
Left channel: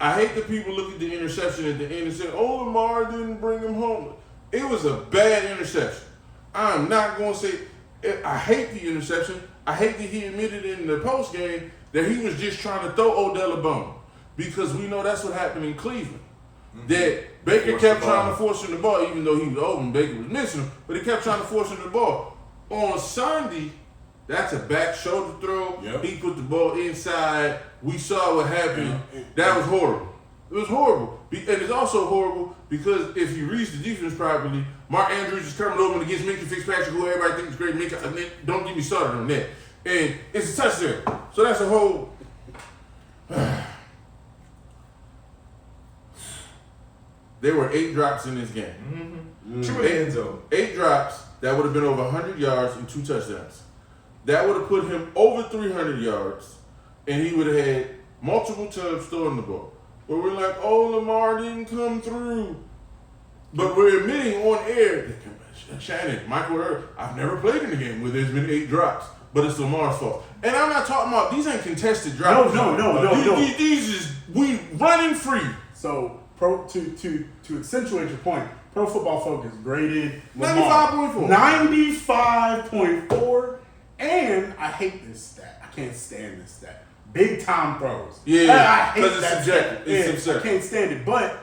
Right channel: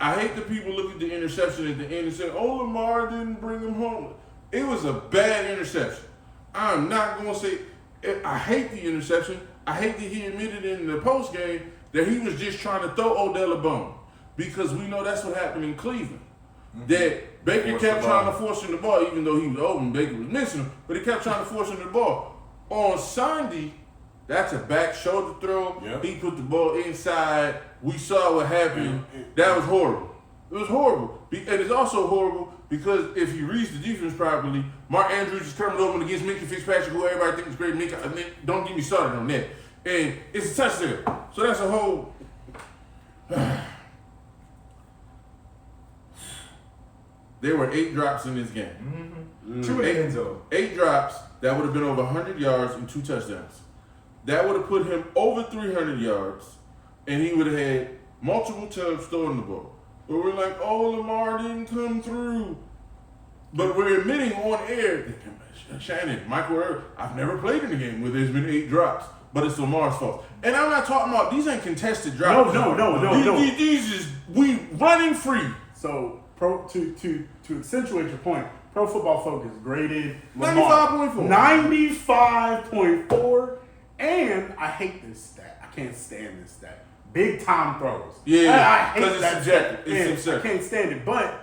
I hate that people look at the interception at the end and say, oh, Lamar didn't bring him home. It was a bad interception. I'm not going to say, I hate the interception. I hate that he admitted in the post game that he was just trying to throw Odell a bone. Because we know that's what happened in Cleveland. That Baker Force kept the trying ball. to force him the ball, even though he was open, Baker was missing him, but he kept trying to force him the ball. On Sunday, that's a back shoulder throw. Yep. He put the ball inside. We saw what happened. Yeah. That was horrible. It was horrible. And it's also horrible because if you read the defense properly, Mark Andrews is coming over against Minka Fitzpatrick, who everybody thinks is great. Minka, don't get me started on that. And it's a touchdown. So that's a whole... there were 8 drops in this game. True in the end zone. 8 drops, that would have been over 100 yards and 2 touchdowns. That would have put him over 300 yards, and he would have had multiple times throwing the ball. But we're like, oh, Lamar didn't come through. But we're admitting on air, Shannon, Michael Irvin, I've never played in a game where there's been 8 drops, but it's Lamar's fault. And I'm not talking about, these ain't contested drops. No. These is, we running free. So, to accentuate your point, Pro Football Focus graded Lamar 95.4. 95.4, and I hate this stat. I can't stand this stat. Big time throws. Yeah, I hate because it's that subjective. stat. It's And subjective. I can't stand it. But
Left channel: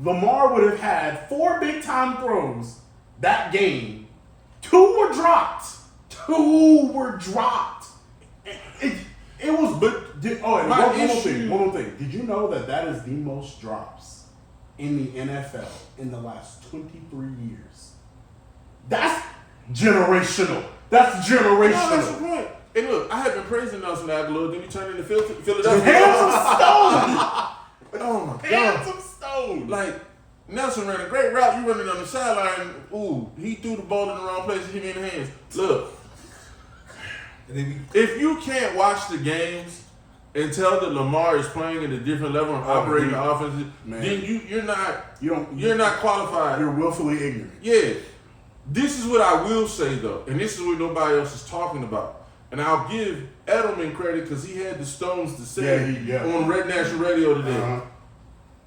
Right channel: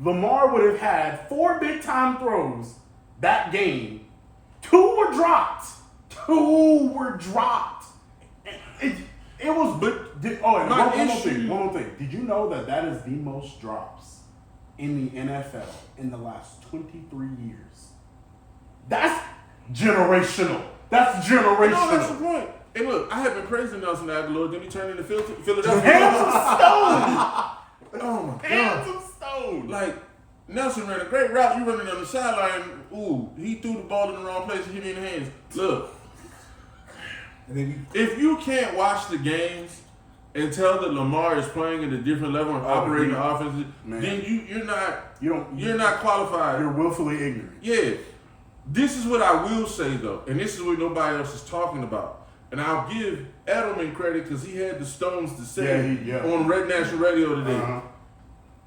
Lamar would have had 4 big time throws that game. 2 were dropped. It was, and one more thing. Did you know that is the most drops in the NFL in the last 23 years? That's generational. That's generational. No, that's the point. And look, I have been praising Nelson Aguilar, then he turned into Philadelphia. Hands of stone. Oh my Hands God. of stone. Like, Nelson ran a great route. You running on the sideline. Ooh, he threw the ball in the wrong place and hit me in the hands. Look, if you can't watch the games and tell that Lamar is playing at a different level and operating the offense, then you're not qualified. You're willfully ignorant. Yeah. This is what I will say though, and this is what nobody else is talking about. And I'll give Edelman credit because he had the stones to say on Red National Radio today. Uh-huh.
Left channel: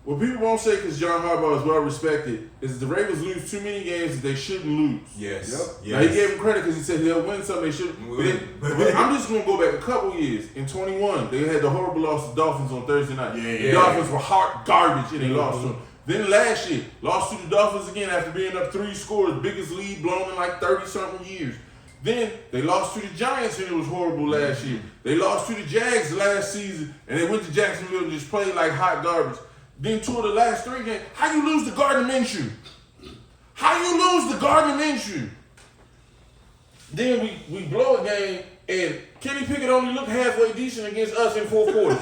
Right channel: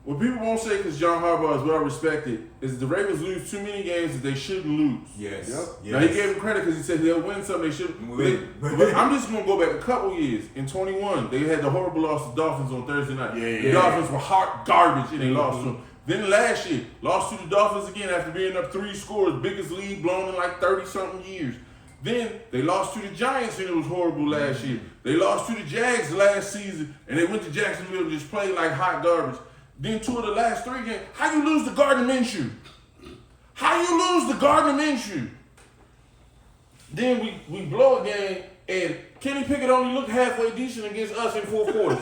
What people won't say because John Harbaugh is well respected is the Ravens lose too many games that they shouldn't lose. Yes. Yep. Now he gave him credit because he said they'll win some they shouldn't. But I'm just gonna go back a couple years. In 21, they had the horrible loss to the Dolphins on Thursday night. The Dolphins were hot garbage and they lost to them. Then last year, lost to the Dolphins again after being up 3 scores, biggest lead blown in like 30-something years. Then they lost to the Giants and it was horrible last year. They lost to the Jags last season and they went to Jacksonville and just played like hot garbage. Then 2 of the last 3 games, how you lose to Gardner Minshew? How you lose to Gardner Minshew? Then we blow a game and Kenny Pickett only looked halfway decent against us in 4 quarters.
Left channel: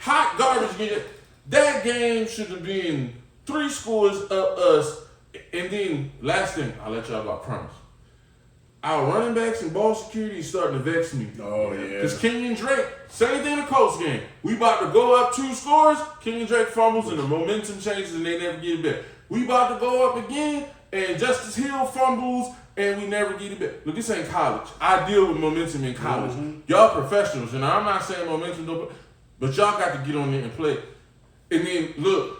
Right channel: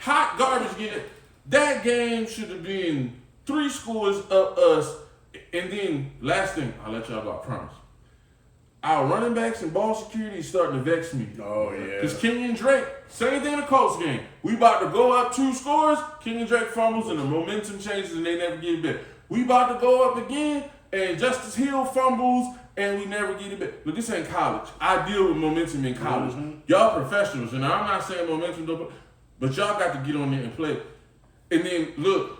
Hot garbage game. That game should have been 3 scores of us. And then last thing, I'll let y'all go, I promise. Our running backs and ball security is starting to vex me. Oh, yeah. Because Kenyon Drake, same thing in the Colts game. We about to go up 2 scores, Kenyon Drake fumbles and the momentum changes and they never get it back. We about to go up again and Justice Hill fumbles and we never get it back. Look, this ain't college. I deal with momentum in college. Y'all professionals, and I'm not saying momentum don't, but y'all got to get on there and play. And then, look,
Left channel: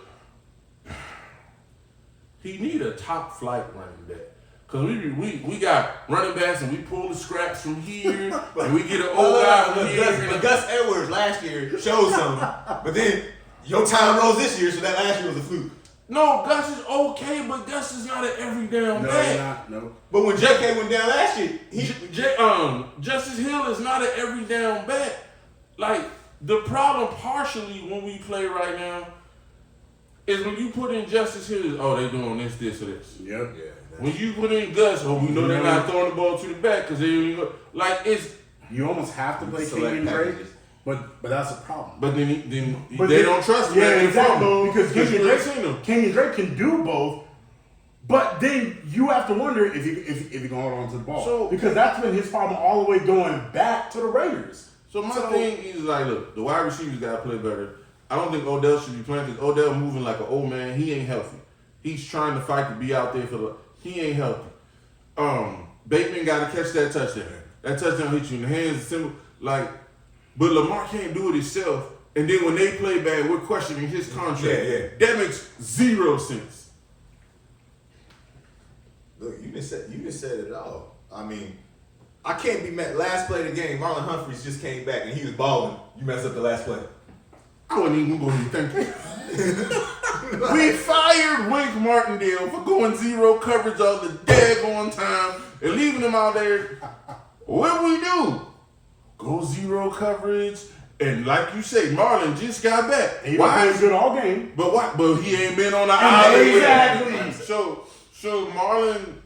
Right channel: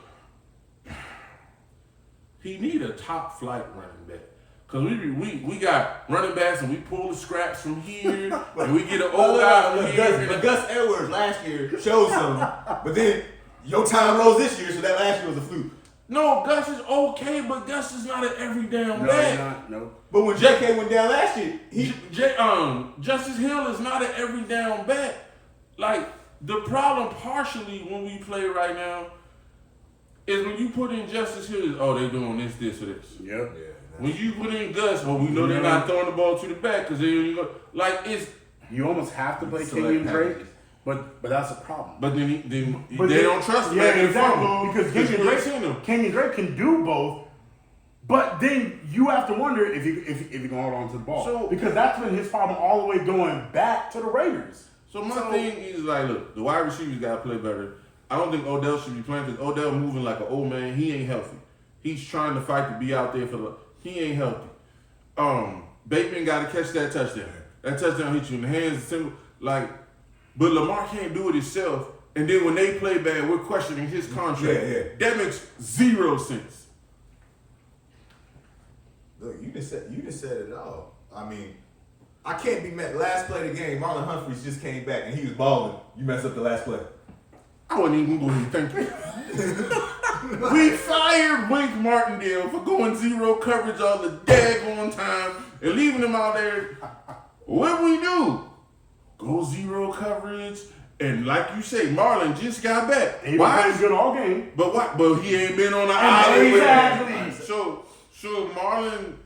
he need a top flight running back. Because we got running backs and we pull the scraps from here and we get an old guy from here. But Gus Edwards last year showed something. But then your time rose this year, so that last year was a fluke. No, Gus is okay, but Gus is not an every down back. He's not. No. But when JK went down last year, Justice Hill is not an every down back. Like, the problem partially when we play right now is when you put in Justice Hill, oh, they doing this, or this. Yep. yeah. When you put in Gus, we know they're not throwing the ball to the back because they don't even go. Like, it's. You almost have to play Select Kenyon Drake, packages. but that's a problem. But then they don't trust him. Yeah, after the exactly. fumble, Because Kenyon Kenyon Drake can do both, but then you have to wonder if he can hold on to the ball. So- because that's been his problem all the way going back to the Raiders. So my thing is like, look, the wide receivers got to play better. I don't think Odell should be playing because Odell moving like an old man. He ain't healthy. He's trying to fight to be out there for the. He ain't healthy. Bateman got to catch that touchdown. That touchdown hit you in the hands. Simple, like, but Lamar can't do it himself. And then when they play bad, we're questioning his contract. Yeah. That makes 0 sense. Look, you just said it all. I mean, I can't be mad. Last play of the game, Marlon Humphreys just came back and he was balling. You messed up the last play. I wasn't even going to thank you. We fired Wink Martindale for going 0 coverage all the daggone time and leaving him out there. What we do? Go 0 coverage. And like you say, Marlon just got back. And he was playing good all game. But why? But he ain't been on the island. Exactly. So Marlon,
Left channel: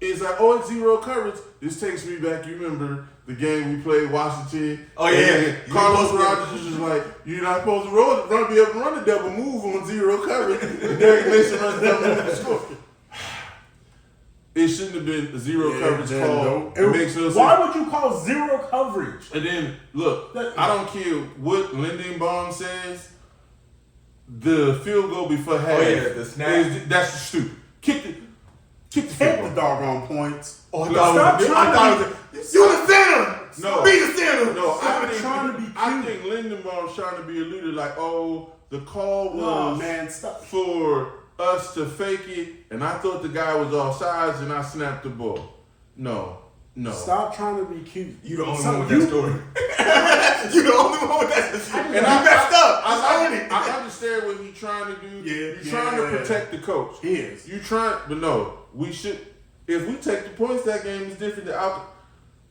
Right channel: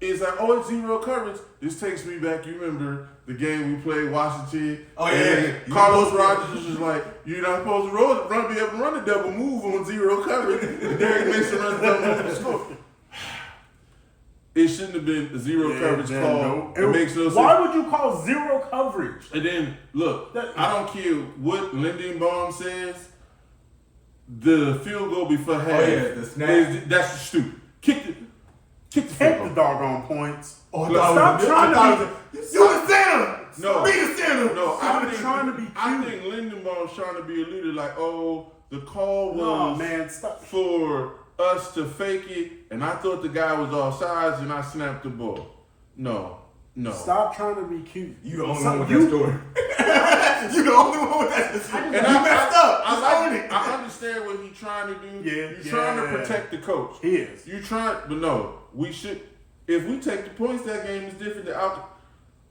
it's like, oh, it's zero coverage. This takes me back. You remember the game we played, Washington? Oh, yeah. Carlos Rogers was just like, you're not supposed to be able to run a double move on zero coverage. And Derek Mason runs a double move to score. It shouldn't have been a zero coverage call. It makes no sense. Why would you call zero coverage? And then, look, I don't care what Lindenbaum says. The field goal before half. Oh, yeah, the snap. That's stupid. Kick the Take the doggone points. Oh, Stop trying to be. You the center. No. Be the center. No, Stop trying to be I cute. think Lindenbaum's trying to be alluded like, oh, the call was man, stop. for us to fake it, and I thought the guy was offsides, and I snapped the ball. No. Stop trying to be cute. You the only one with that story. You the only one with that story. And you messed up. I understand what he's trying to do. Yeah, You're trying to protect the coach. He is. You trying, but no, we should. If we take the points, that game is different.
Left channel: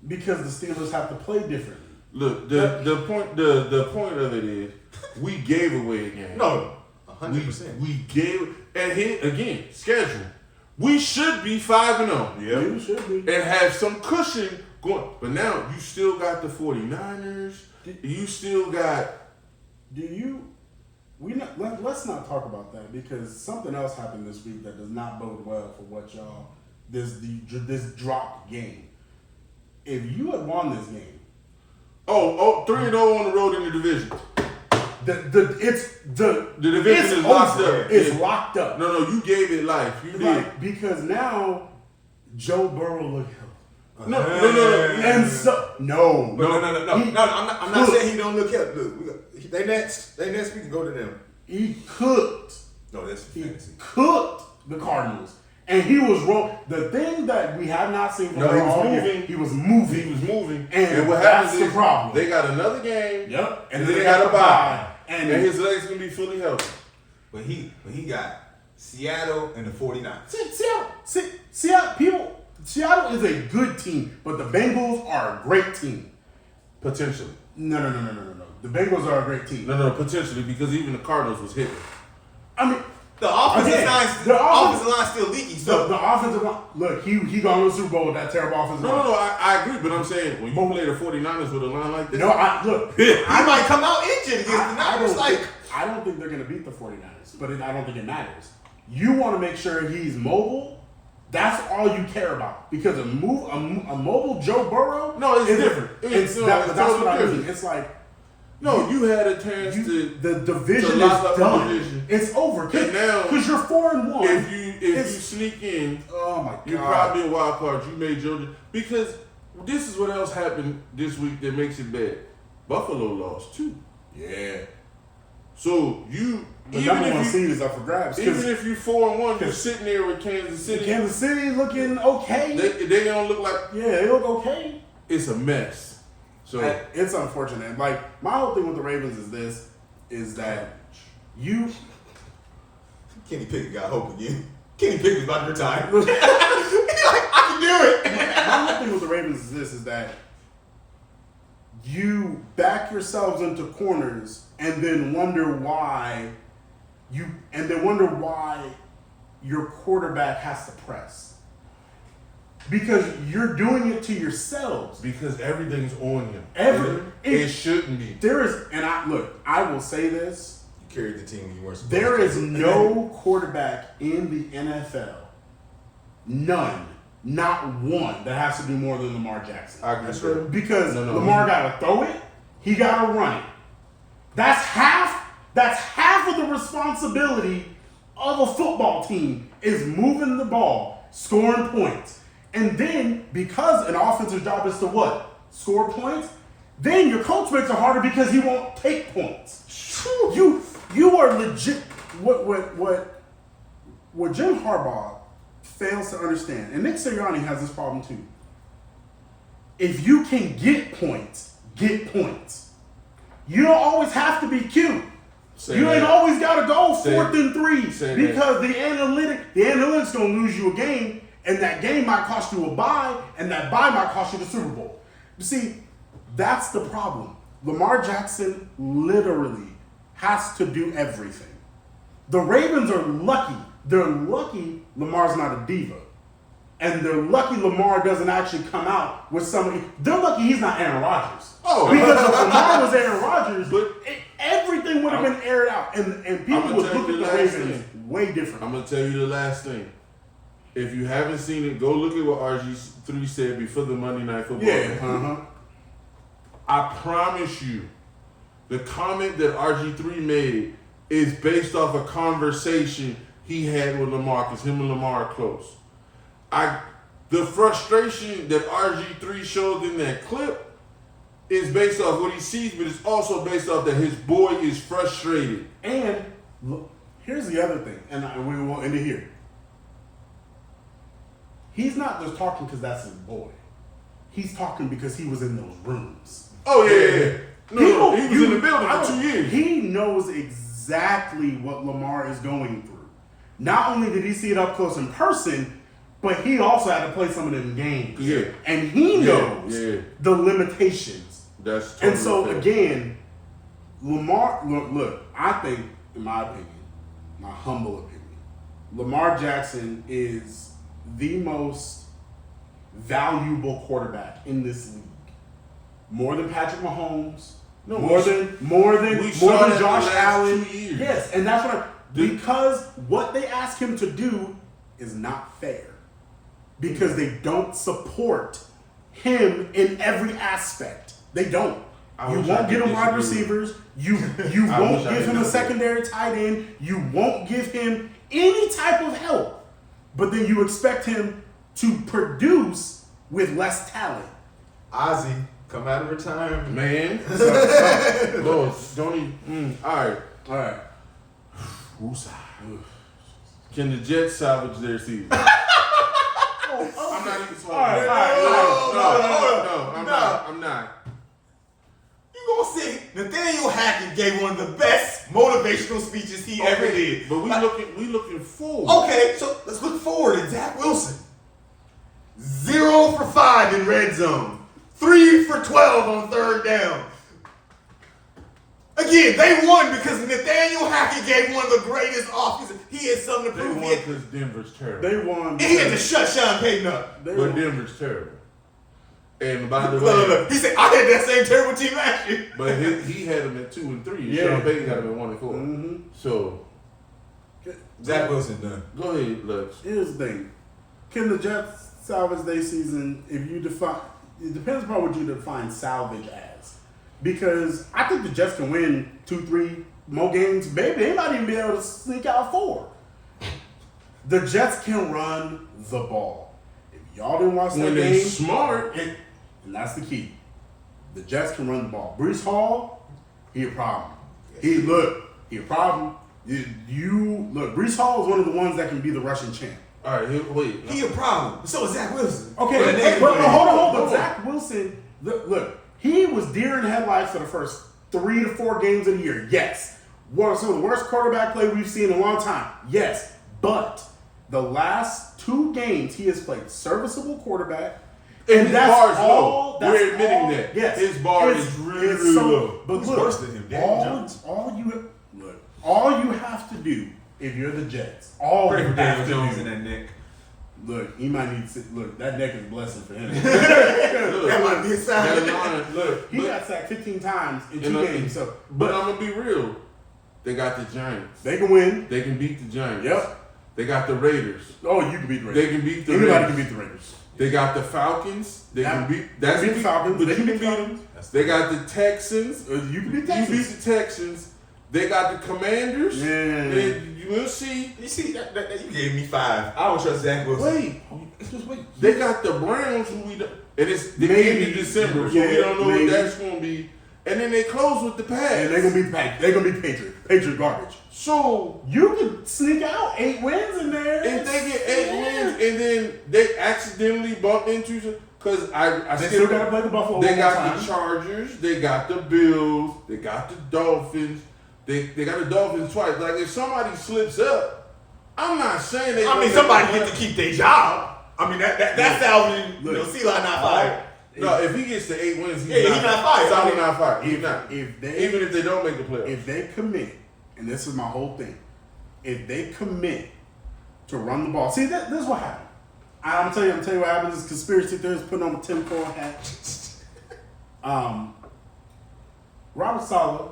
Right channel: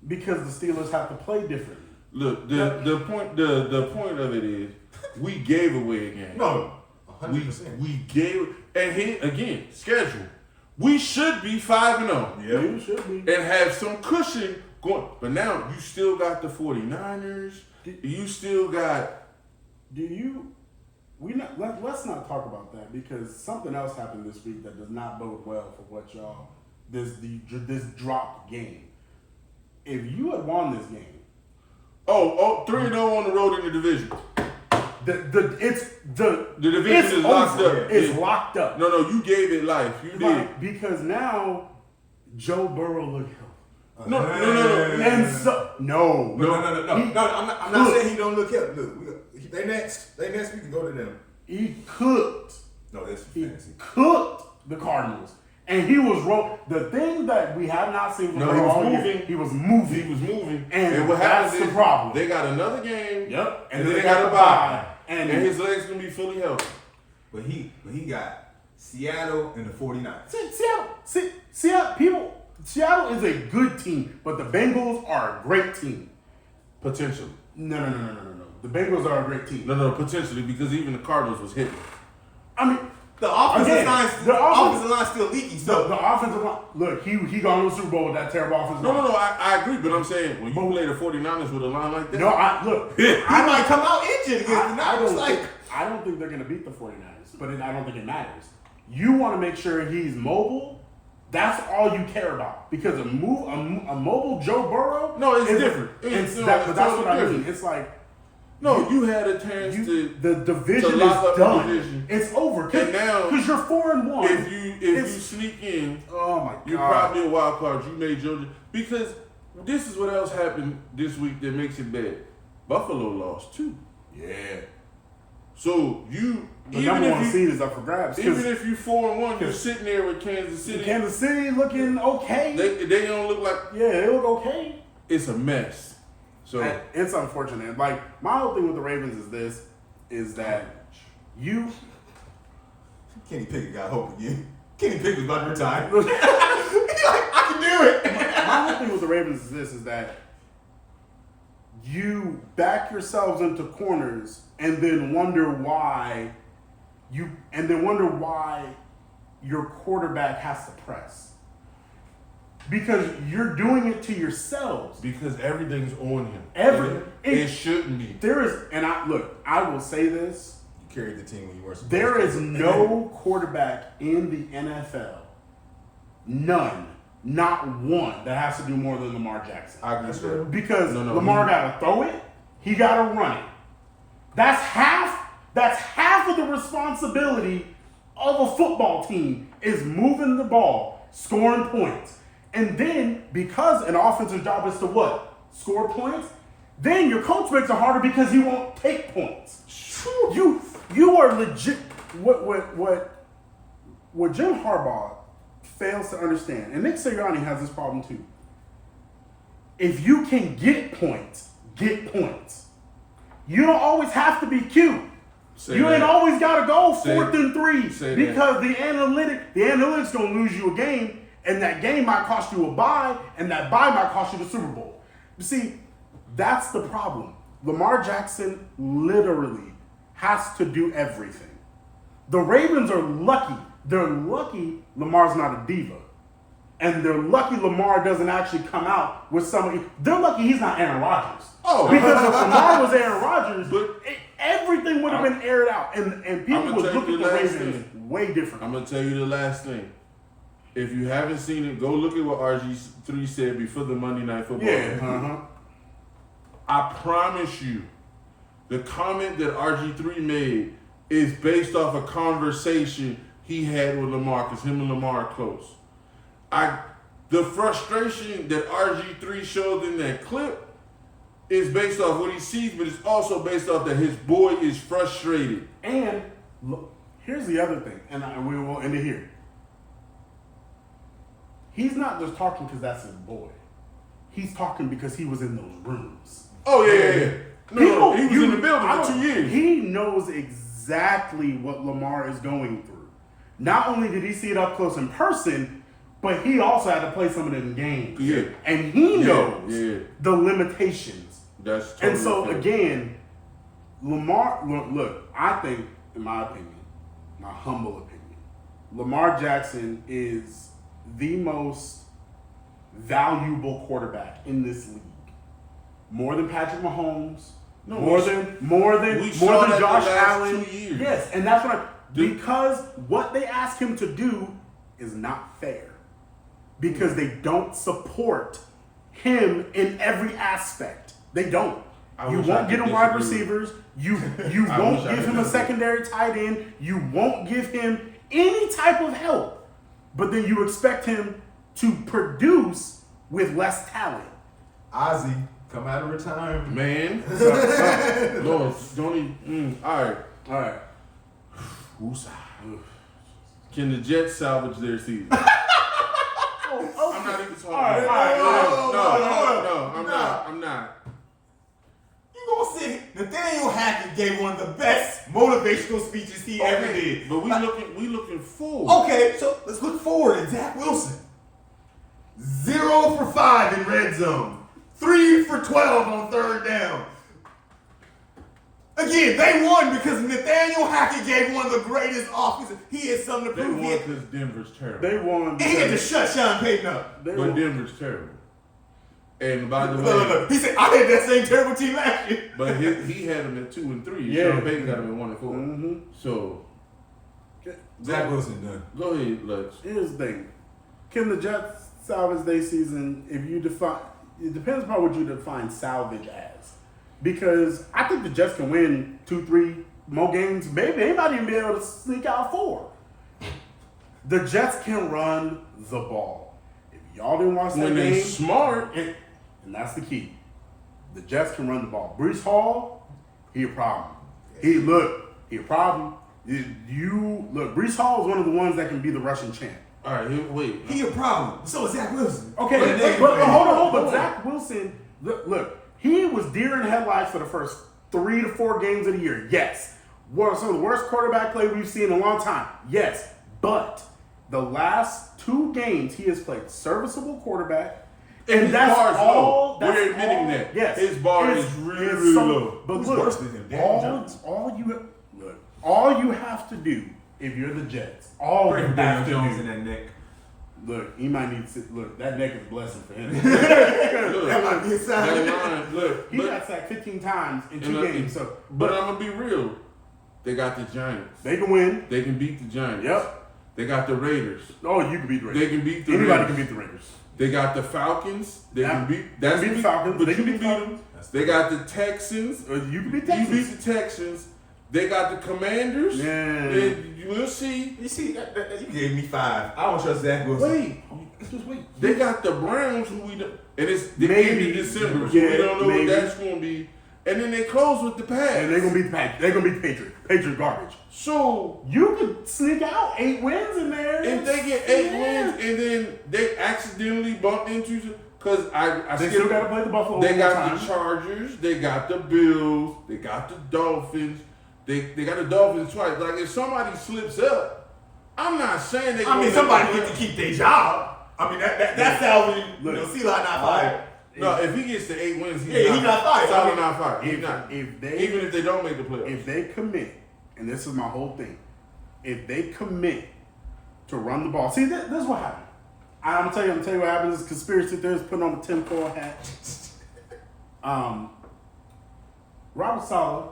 Because the Steelers have to play differently. Look, the point of it is we gave away a game. No, 100%. We gave, and here again, schedule. We should be 5-0. Yeah, you should be. And have some cushion going. But now you still got the 49ers. You still got. Let's not talk about that because something else happened this week that does not bode well for what y'all this dropped game. If you had won this game, 3-0 on the road in the division. the division is locked up. It's locked up. No, you gave it life. You did. Because now Joe Burrow look healthy. No. And so no. I'm not saying he don't look healthy. Look, they next. We can go to them. He cooked. No, that's fantasy. Cooked the Cardinals. And he was the thing that we have not seen from he was moving. He was moving. And what that's happens the is problem. they got another game. Yep. And then they got a bye. And his legs gonna be fully healthy. But he got Seattle and the 49ers. Seattle is a good team, but the Bengals are a great team. Potentially. No. The Bengals are a great team. No, potentially, because even the Cardinals was hitting. I mean, the offensive line still leaky. So the offensive line, look, he gone to the Super Bowl with that terrible offensive line. No, I agree, but I'm saying when you play the 49ers with a line like that. No, look. I might come out injured against the Niners. I don't think they're going to beat the 49ers, but I don't think it matters. You want to make sure he's mobile. That's all you care about. Because a mobile Joe Burrow. No, it's different. That's what I mean. It's like. No, you had a chance to. The division to lock is done. division. It's over. Because you're 4-1. If you sneak in, oh my God, you're probably a wild card. You made Georgia because this is what else happened this week that makes it bad. Buffalo lost too. Yeah. So you. The number one seed is up for grabs. Even if you 4-1, you're sitting there with Kansas City. Kansas City looking okay. They don't look like. Yeah, they look okay. It's a mess. So it's unfortunate. Like my whole thing with the Ravens is that you. Kenny Pickett got hope again. Kenny Pickett's about to retire. He's like, I can do it. My whole thing with the Ravens is that you back yourselves into corners and then wonder why your quarterback has to press. Because you're doing it to yourselves. Because everything's on him. It shouldn't be. I will say this. You carried the team when you weren't supposed There to. is no quarterback in the NFL, none, not one, that has to do more than Lamar Jackson. I agree. Because Lamar got to throw it, he got to run it. That's half of the responsibility of a football team is moving the ball, scoring points. And then, because an offensive job is to what? Score points? Then your coach makes it harder because he won't take points. You are legit. What Jim Harbaugh fails to understand, and Nick Sirianni has this problem too. If you can get points, get points. You don't always have to be cute. Ain't always got to go 4th and 3 because the analytics gonna lose you a game. And that game might cost you a bye, and that bye might cost you the Super Bowl. You see, that's the problem. Lamar Jackson literally has to do everything. The Ravens are lucky. They're lucky Lamar's not a diva. And they're lucky Lamar doesn't actually come out with somebody. They're lucky he's not Aaron Rodgers. Oh. Because if Lamar was Aaron Rodgers, But everything would have been aired out. And people I'ma would tell look you at the the last Ravens thing. way different. I'm gonna tell you the last thing. If you haven't seen it, go look at what RG3 said before the Monday Night Football Yeah. game. I promise you, the comment that RG3 made is based off a conversation he had with Lamar, because him and Lamar are close. The frustration that RG3 showed in that clip is based off what he sees, but it's also based off that his boy is frustrated. And look, here's the other thing, and we will end it here. He's not just talking because that's his boy. He's talking because he was in those rooms. Oh, yeah. No, he was in the building for 2 years. He knows exactly what Lamar is going through. Not only did he see it up close in person, but he also had to play some of them games. Yeah. And he knows the limitations. That's totally And so, fair. again, Lamar, look, I think, in my opinion, my humble opinion, Lamar Jackson is the most valuable quarterback in this league. More than Patrick Mahomes, more than Josh Allen. 2 years. Yes, and that's what because what they ask him to do is not fair. Because they don't support him in every aspect. They don't. You won't get him wide receivers. You won't give him a secondary tight end. You won't give him any type of help. But then you expect him to produce with less talent. Ozzy, come out of retirement. Man. Lord, don't even. All right. Woosah. Can the Jets salvage their season? I'm not even talking. I'm not. You gonna say Nathaniel Hackett gave one of the best motivational speeches he ever did. But we looking forward. Okay, so let's look forward at Zach Wilson. 0 for 5 in red zone. 3 for 12 on third down. Again, they won because Nathaniel Hackett gave one of the greatest offenses. He had something to They prove. won because Denver's terrible. They won. And he had to shut Sean Payton up. But Denver's terrible. And by the way, Look. He said, I had that same terrible team last year. but he had them at 2 and 3. Yeah. Sean Payton got him at 1 and 4. Mm-hmm. So Zach Wilson done. go ahead, Lux. Here's the thing. Can the Jets salvage their season if you define it depends upon what you define salvage as. Because I think the Jets can win 2-3 more games. Maybe they might even be able to sneak out 4. The Jets can run the ball. If y'all didn't watch that When they game, smart, and that's the key. The Jets can run the ball. Brees Hall, he a problem. He a problem. You look, Brees Hall is one of the ones that can be the Russian champ. all right, wait. He a problem. So is Zach Wilson. Okay, but hold on. But Zach Wilson, look, he was deer in headlights for the first 3 to 4 games of the year. Yes. One of some of the worst quarterback play we've seen in a long time. Yes. But the last 2 games, he has played serviceable quarterback. And that's his bar's all. low. That's We're admitting all, that. Yes. His bar It's- is really, it's really so- low. But Who's look, worse than him? Daniel Jones? all you have to do if you're the Jets, all Pray you for have Daniel to Jones in do. that neck. Look, he might need to look. That neck is a blessing for him. That might be a sign. That line, look. He got sacked 15 times in 2 games. So, but I'm gonna be real. They got the Giants. they can win. They can beat the Giants. Yep. They got the Raiders. Oh, you can beat the Raiders. They can beat the Anybody Raiders. can beat the Raiders. They got the Falcons. They Yeah. can beat. They can beat the Falcons. But They you can can beat beat the them. Falcons. They got the Texans. You can beat You Texans. beat the Texans. They got the Commanders. Yeah. And you will see. You see, that you gave me 5. I don't trust Zach Wilson. Wait. Just wait. They got the Browns, who we don't, and it's the Maybe. end of December, so Yeah, we don't know maybe. what that's going to be. And then they close with the Pats. And they're gonna beat the Patriots. They're gonna beat Patriots. Patriots garbage. So You could sneak out 8 wins in there. if they get 8 Yeah. wins and then they accidentally bump into, because I They still gotta play the Buffalo. They one more got time. the Chargers, they got the Bills, they got the Dolphins. They got the Dolphins twice. Like if somebody slips up, I'm not saying they. I mean, somebody get to keep their job. I mean, that's salvaging. You know, Eli not fired. No, if he gets to 8 wins, he's not fired. Solid not fired. He's If- not. if they- Even if they don't make the playoffs. If they commit, and this is my whole thing, if they commit to run the ball, see, this is what happened. I'm gonna tell you what happens. Is conspiracy theorists putting on a tinfoil hat. Robert Saleh,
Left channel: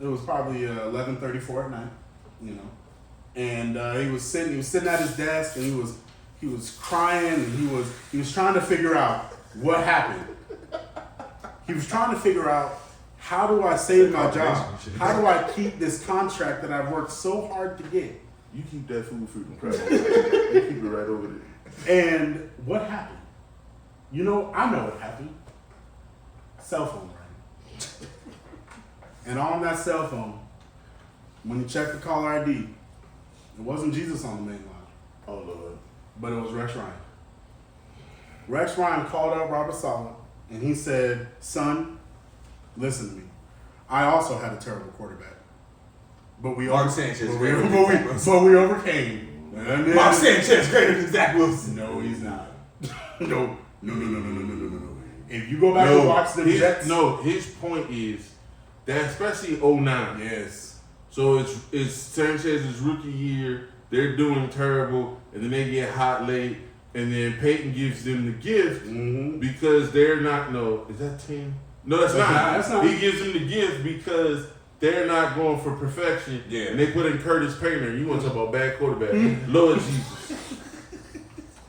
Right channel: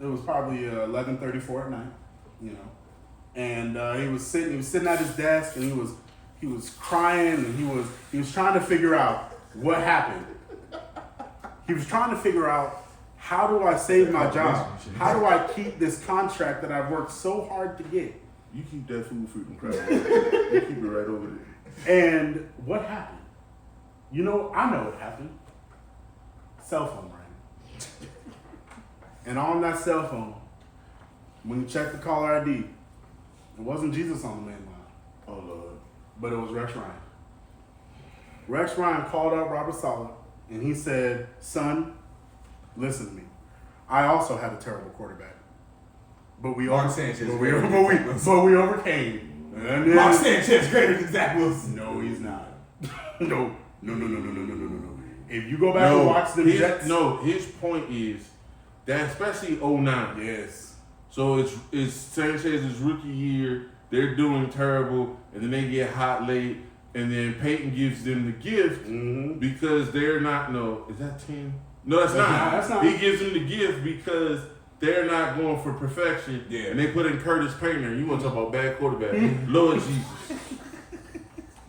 it was probably 11:34 at night, you know, and he was sitting at his desk, and he was crying, and he was trying to figure out what happened. He was trying to figure out, how do I save my job? How do I keep this contract that I've worked so hard to get? You keep that food and crap. You keep it right over there. And what happened? You know, I know what happened. Cell phone rang. And on that cell phone, when you check the caller ID, it wasn't Jesus on the main line. Oh, Lord. But it was Rex Ryan. Rex Ryan called up Robert Saleh, and he said, son, listen to me. I also had a terrible quarterback. But we overcame. And then, Mark Sanchez greater than Zach Wilson. no, he's not. No. If you go back and watch them Jets. His point is that, especially 09. Yes. So it's Sanchez's rookie year. They're doing terrible, and then they get hot late, and then Peyton gives them the gift because they're not. No, is that 10? No, that's not. That's not. He gives them the gift because they're not going for perfection. Yeah. And they put in Curtis Painter. You want to talk about bad quarterback? Lord Jesus.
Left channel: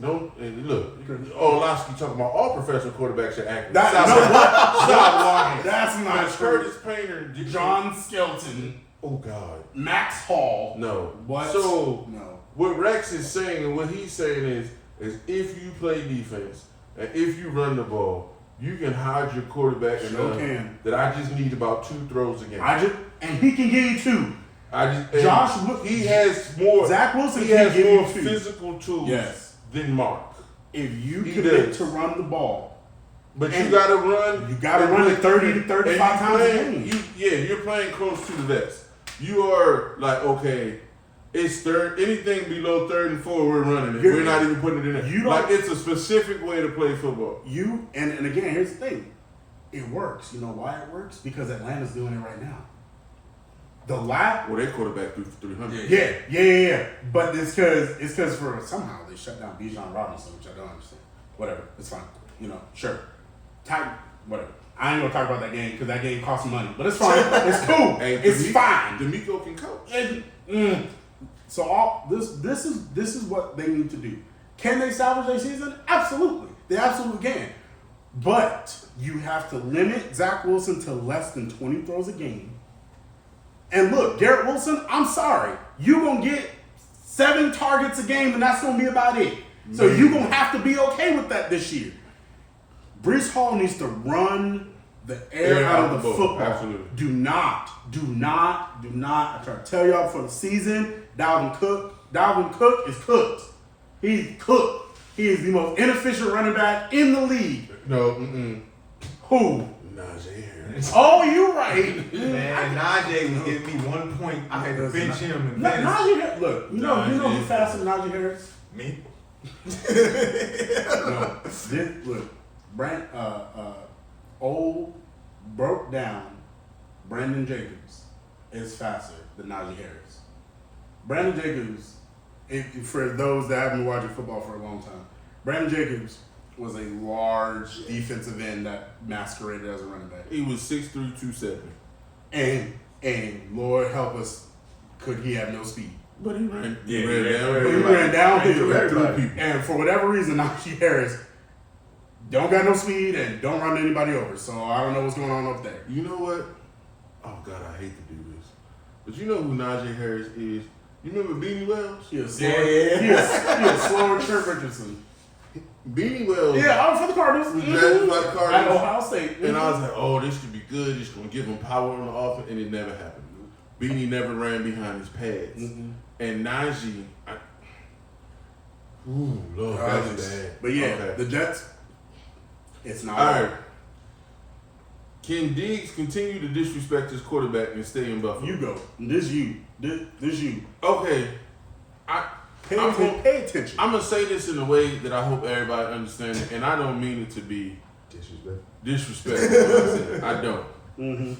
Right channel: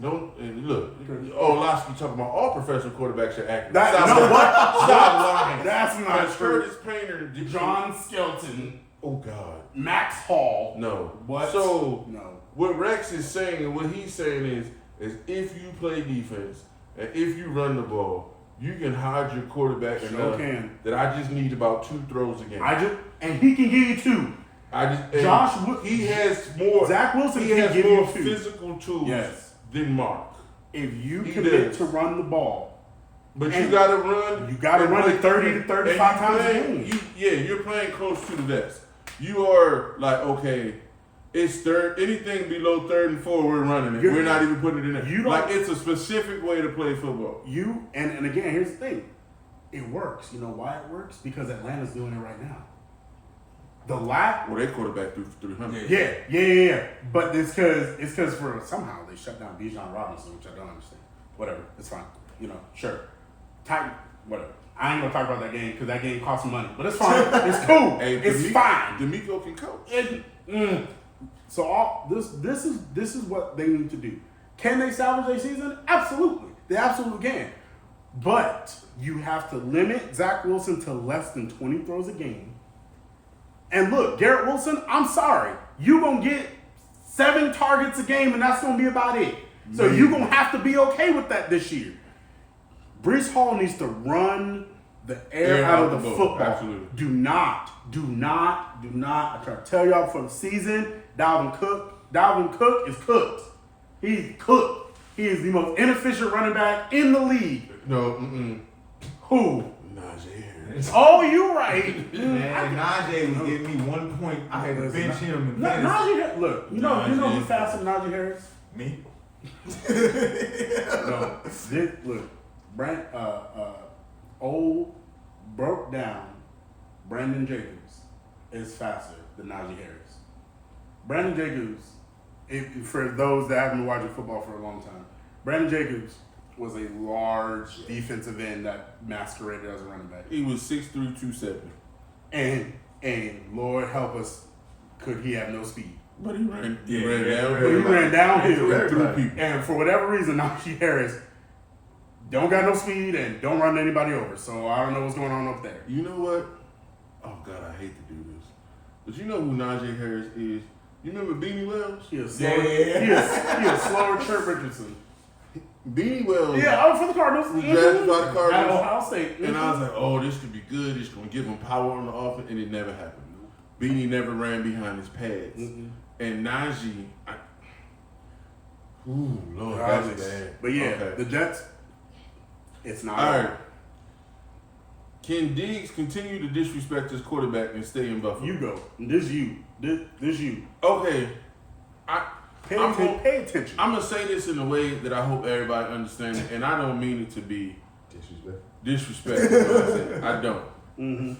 Don't look. Orlovsky talking about all professional quarterbacks are accurate. Stop lying. That's not But true. Curtis Painter, John Skelton, Oh God. Max Hall. No. What? So No. what Rex is saying, and what he's saying is if you play defense and if you run the ball, you can hide your quarterback Sure enough can. that I just need about 2 throws a game. And he can give you 2. He has more. Zach Wilson He can has give more you 2. physical tools Yes. than Mark. If you He commit does. to run the ball, But And you got to run. you gotta run it 30 to 35 and times a game. You're playing close to the vest. You are like, okay, it's third. Anything below 3rd and 4, we're running it. We're not even putting it in there. You don't- Like, it's a specific way to play football. and again, here's the thing. It works. You know why it works? Because Atlanta's doing it right now. Well, their quarterback threw for 300. Yeah. But it's because for somehow they shut down Bijan Robinson, which I don't understand. Whatever, it's fine. You know, sure. Titan, whatever. I ain't gonna talk about that game because that game cost money, but it's fine. It's cool. Hey, It's fine. D'Amico can coach. So all this is what they need to do. Can they salvage their season? Absolutely. They absolutely can. But you have to limit Zach Wilson to less than 20 throws a game. And look, Garrett Wilson, I'm sorry. You're going to get 7 targets a game, and that's going to be about it. So you're going to have to be okay with that this year. Breece Hall needs to run the air out of the football. Absolutely. Do not. I try to tell y'all before the season, Dalvin Cook is cooked. He's cooked. He is the most inefficient running back in the league. No, Who? Najee Harris. Oh, you're right. Man, Najee was giving me 1 point. I had to bench him in fantasy. Najee, look, you know who's faster than Najee Harris? Me? No. Look, old, broke down Brandon Jacobs is faster than Najee Harris. Brandon Jacobs, for those that haven't been watching football for a long time, Brandon Jacobs was a large defensive end that masqueraded as a running back. He was 6'3", 270. And Lord help us, could he have no speed? But he ran. Yeah, He ran he down. But he ran downhill through people. And for whatever reason, Najee Harris don't got no speed and don't run anybody over. So I don't know what's going on up there. You know what? Oh God, I hate to do this, but you know who Najee Harris is? You remember Beanie Wells? He was slower Trent Richardson. Beanie Wells. Yeah, for the Cardinals. Was drafted by the Cardinals. At Ohio State. And I was like, oh, this could be good. It's going to give him power on the offense, and it never happened. Beanie never ran behind his pads. And Najee, Lord, that's bad. But yeah, Okay. the Jets, it's not. All right. Can Diggs continue to disrespect his quarterback and stay in Buffalo? You go. This you. Okay. Pay attention. I'm going to say this in a way that I hope everybody understands it, and I don't mean it to be disrespectful. You know what I'm saying? I don't.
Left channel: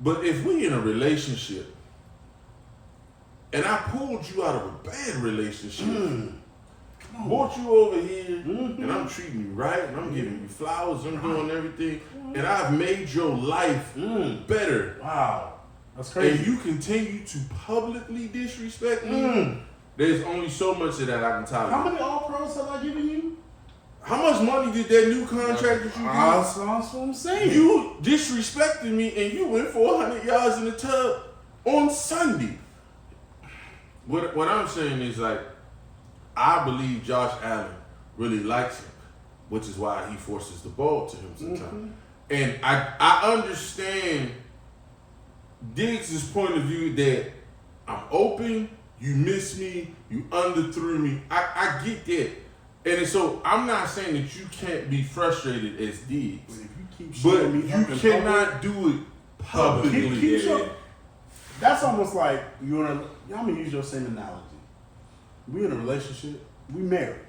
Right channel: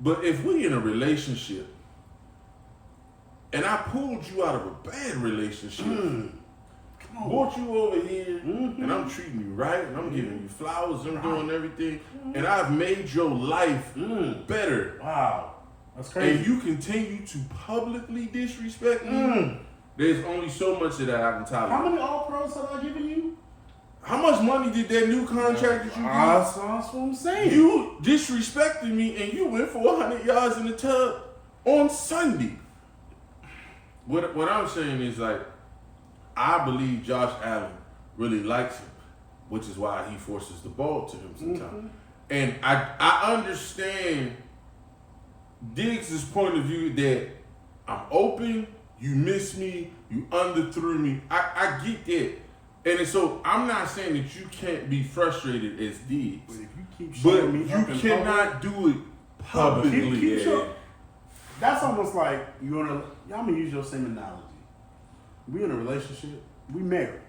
But if we in a relationship and I pulled you out of a bad relationship, brought you over here, and I'm treating you right, and I'm giving you flowers, I'm doing everything, and I've made your life better. Wow. That's crazy. And you continue to publicly disrespect me, there's only so much of that I can tolerate. How many All-Pros have I given you? How much money did that new contract that you get? That's what I'm saying. You disrespected me, and you went for 100 yards in the tub on Sunday. What I'm saying is, like, I believe Josh Allen really likes him, which is why he forces the ball to him sometimes. And I understand Diggs' point of view that I'm open, you miss me, you underthrew me. I get that. And so I'm not saying that you can't be frustrated as Diggs, But if you keep but showing me you up in cannot do it publicly. Keep showing- That's almost like I'm gonna use your same analogy. We in a relationship, we married.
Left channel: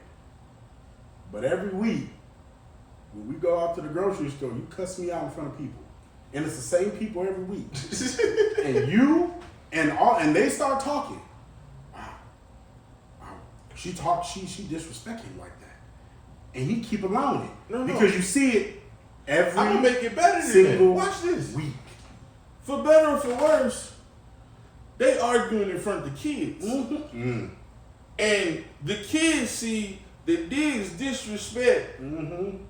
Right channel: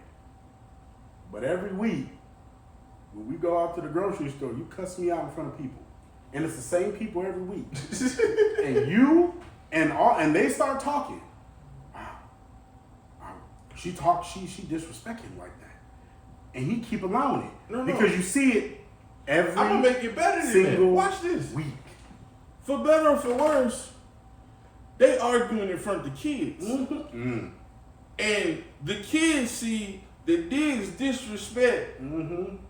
But every week, when we go out to the grocery store, you cuss me out in front of people. And it's the same people every week. And you and they start talking. She disrespect him like that. And he keep allowing it. No. Because you see it every I'm gonna make it better than single that. Watch this. week. For better or for worse, they arguing in front of the kids. And the kids see that Diggs disrespect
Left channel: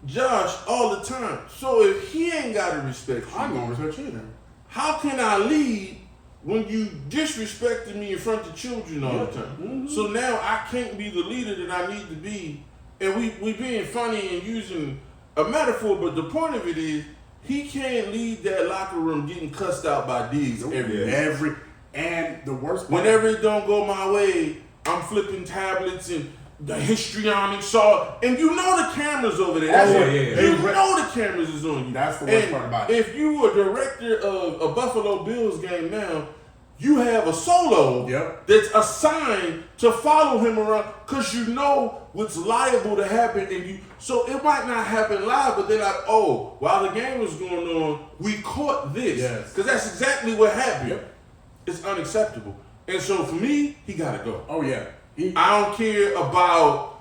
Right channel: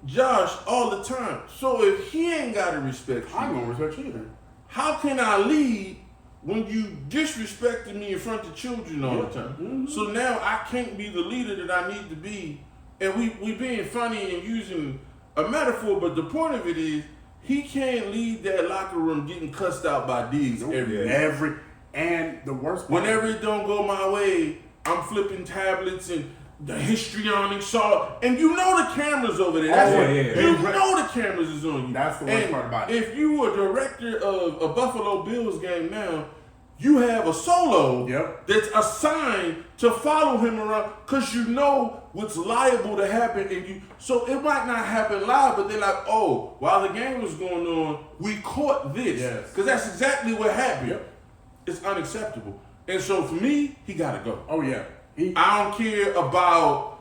Josh all the time. So if he ain't gotta respect you, I'm gonna respect you either. how can I lead when you disrespected me in front of children all the time? So now I can't be the leader that I need to be. And we being funny and using a metaphor, but the point of it is he can't lead that locker room getting cussed out by Diggs And the worst part, whenever it don't go my way, I'm flipping tablets and the histrionic saw, and you know the cameras over there. You know the cameras is on you. That's the worst part about it. If you were director of a Buffalo Bills game now, you have a solo that's assigned to follow him around because you know what's liable to happen, and so it might not happen live, but they're like, oh, while the game was going on, we caught this because that's exactly what happened. It's unacceptable, and so for me, he gotta go. Oh yeah. I don't care about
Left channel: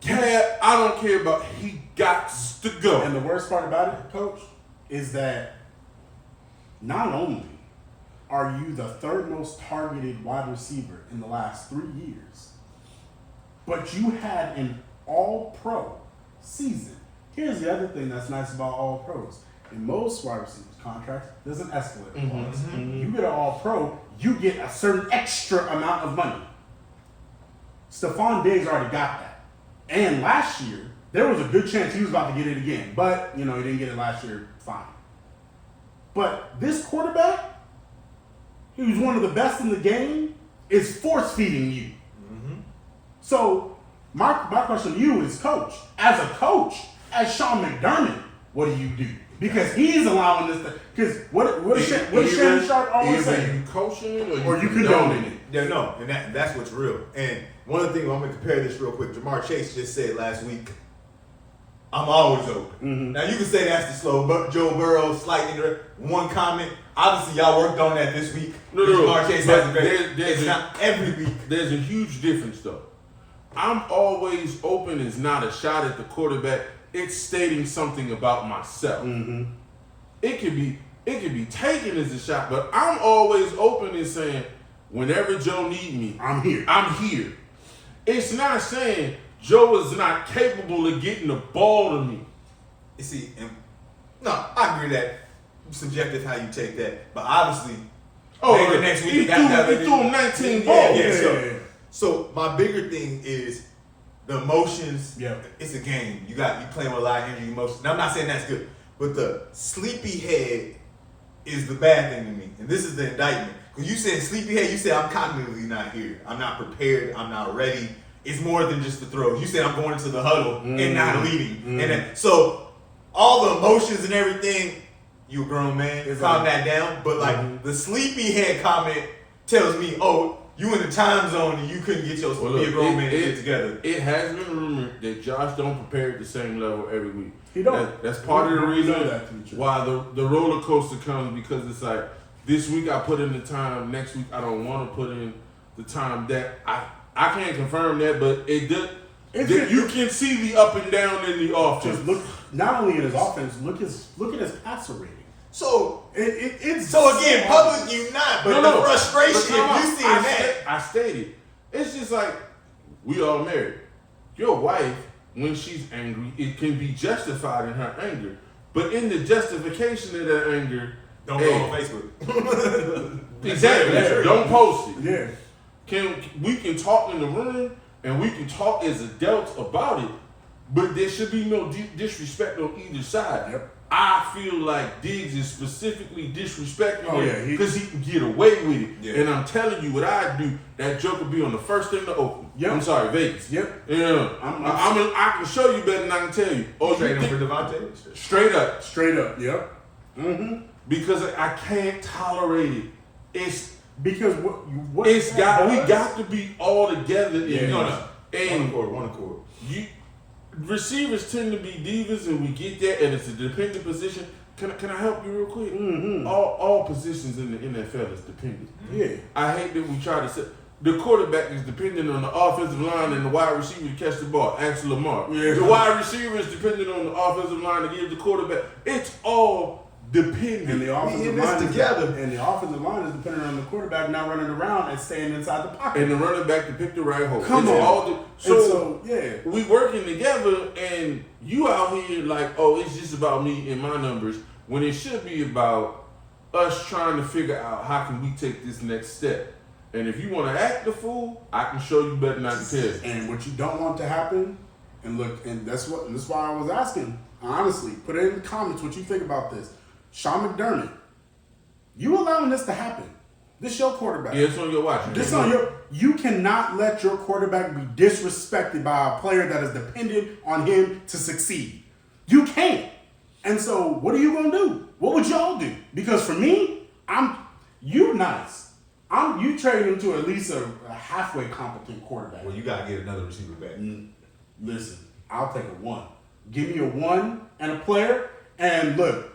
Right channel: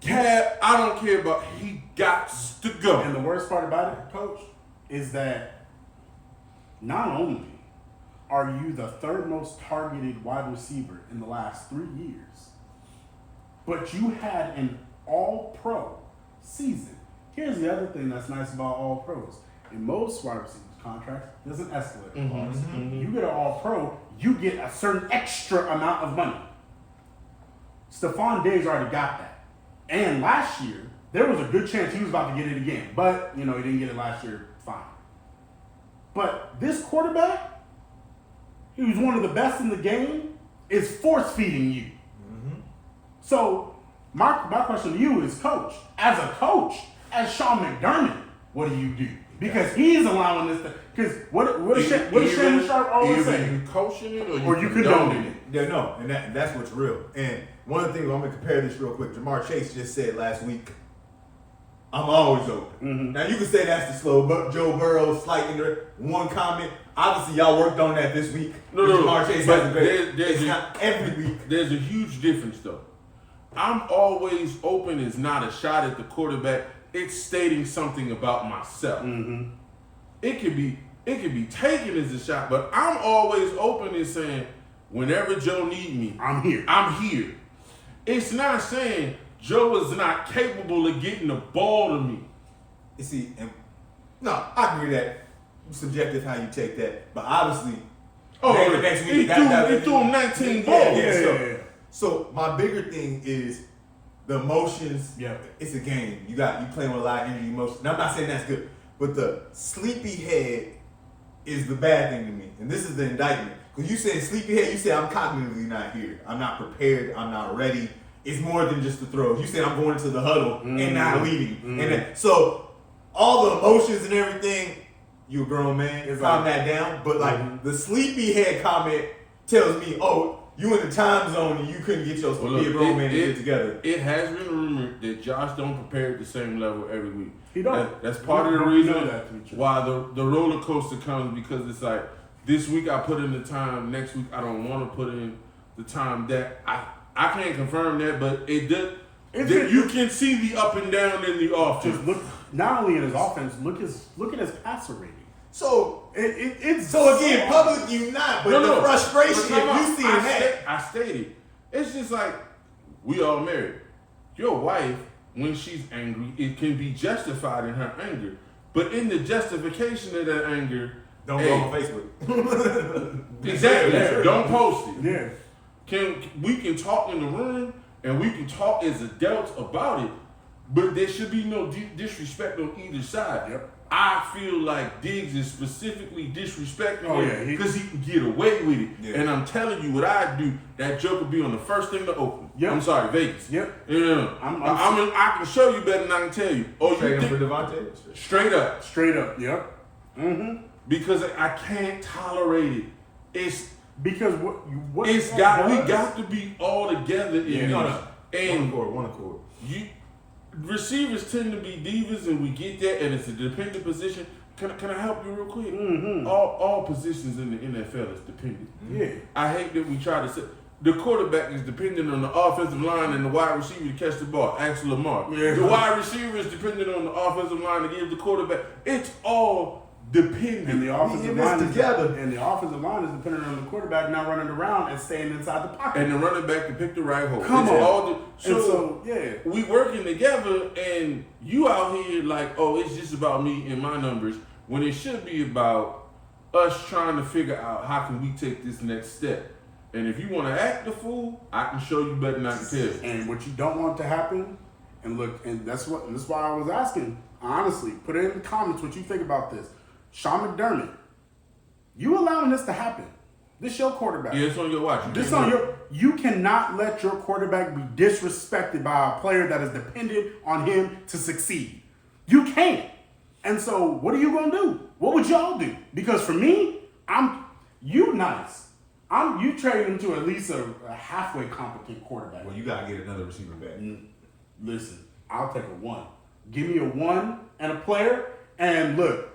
Cap. I don't care about. He got to go. And the worst part about it, Coach, is that not only are you the third most targeted wide receiver in the last 3 years, but you had an All-Pro season. Here's the other thing that's nice about All-Pros. In most wide receivers contracts, there's an escalator clause. You get an All-Pro, you get a certain extra amount of money. Stephon Diggs already got that. And last year, there was a good chance he was about to get it again. But, he didn't get it last year, fine. But this quarterback, he was one of the best in the game, is force-feeding you. So, my question to you is, Coach, as Sean McDermott, what do you do? Because he's allowing this to, because what does Shannon Sharp always say? Either you coaching it or you condoning it. Yeah, no, and that's what's real. And one of the things, I'm going to compare this real quick. Jamar Chase just said last week, I'm always open. Now, you can say that's the slow Joe Burrow, slightly one comment. Obviously, y'all worked on that this week. No, Jamar Chase but has a great, it's not every week. There's a huge difference, though. I'm always open is not a shot at the quarterback. It's stating something about myself. It could be taken as a shot, but I'm always open and saying, whenever Joe need me, I'm here. I'm here. It's not saying Joe is not capable of getting the ball to me. You see, no, I agree that subjective how you take that, but obviously, maybe next week he threw him 19 balls. So my bigger thing is the emotions. Yeah, it's a game. You playing with a lot of energy, emotions. Now I'm not saying that's good, but the sleepy head is the bad thing to me, and this is the indictment. Because you said sleepy head, you said I'm cognitively not here. I'm not prepared. I'm not ready. It's more than just the throws. You said I'm going into the huddle and not leading, and then, so all the emotions and everything. You a grown man, calm that down. But like the sleepy head comment tells me, oh, you in the time zone and you couldn't get your be a grown man to get together. It has been rumored that Josh don't prepare at the same level every week. He don't. That's part of the reason why the roller coaster comes, because it's like this week I put in the time, next week I don't want to put in the time. That I can't confirm that, but it does. You can see the up and down in the offense. Just look, not only at his offense, look at his passer rating. So it's so again, public you not, but the frustration if you see that. I stated, it's just like we all married. Your wife, when she's angry, it can be justified in her anger, but in the justification of that anger, Don't go on Facebook. Exactly. Yeah. Don't post it. Yeah. We can talk in the room and we can talk as adults about it, but there should be no disrespect on either side. Yep. I feel like Diggs is specifically disrespecting him he because he can get away with it. Yeah. And I'm telling you what I do, that joke will be on the first thing to open. Yep. I'm sorry, Vegas. Yep. Yeah. I can show you better than I can tell you. Oh, Trade you him for think, Devontae? straight up. Straight up. Yep. Mm-hmm. Because I can't tolerate it. It's Because what we does- got to be all together in Yeah. this. No. And One accord. receivers tend to be divas, and we get that, and it's a dependent position. Can I help you real quick? Mm-hmm. All positions in the NFL is dependent. Yeah. I hate that we try to say the quarterback is dependent on the offensive line and the wide receiver to catch the ball. Ask Lamar. Yeah. The wide receiver is dependent on the offensive line to give the quarterback. It's all dependent. And the offensive line together. And the offensive line is dependent on the quarterback not running around and staying inside the pocket. And the running back to pick the right hole. Come It's on. all So yeah. we working together, and you out here like, oh, it's just about me and my numbers, when it should be about us trying to figure out how can we take this next step. And if you want to act the fool, I can show you better than I can tell you. And what you don't want to happen, and look, and that's why I was asking, honestly, put it in the comments what you think about this. Sean McDermott, you allowing this to happen. This your quarterback. Yeah, it's on your watch. You cannot let your quarterback be disrespected by a player that is dependent on him to succeed. You can't. And so what are you gonna do? What would y'all do? Because for me, you trade him to at least a halfway competent quarterback. Well, you gotta get another receiver back. Listen, I'll take a 1. Give me a 1 and a player, and look,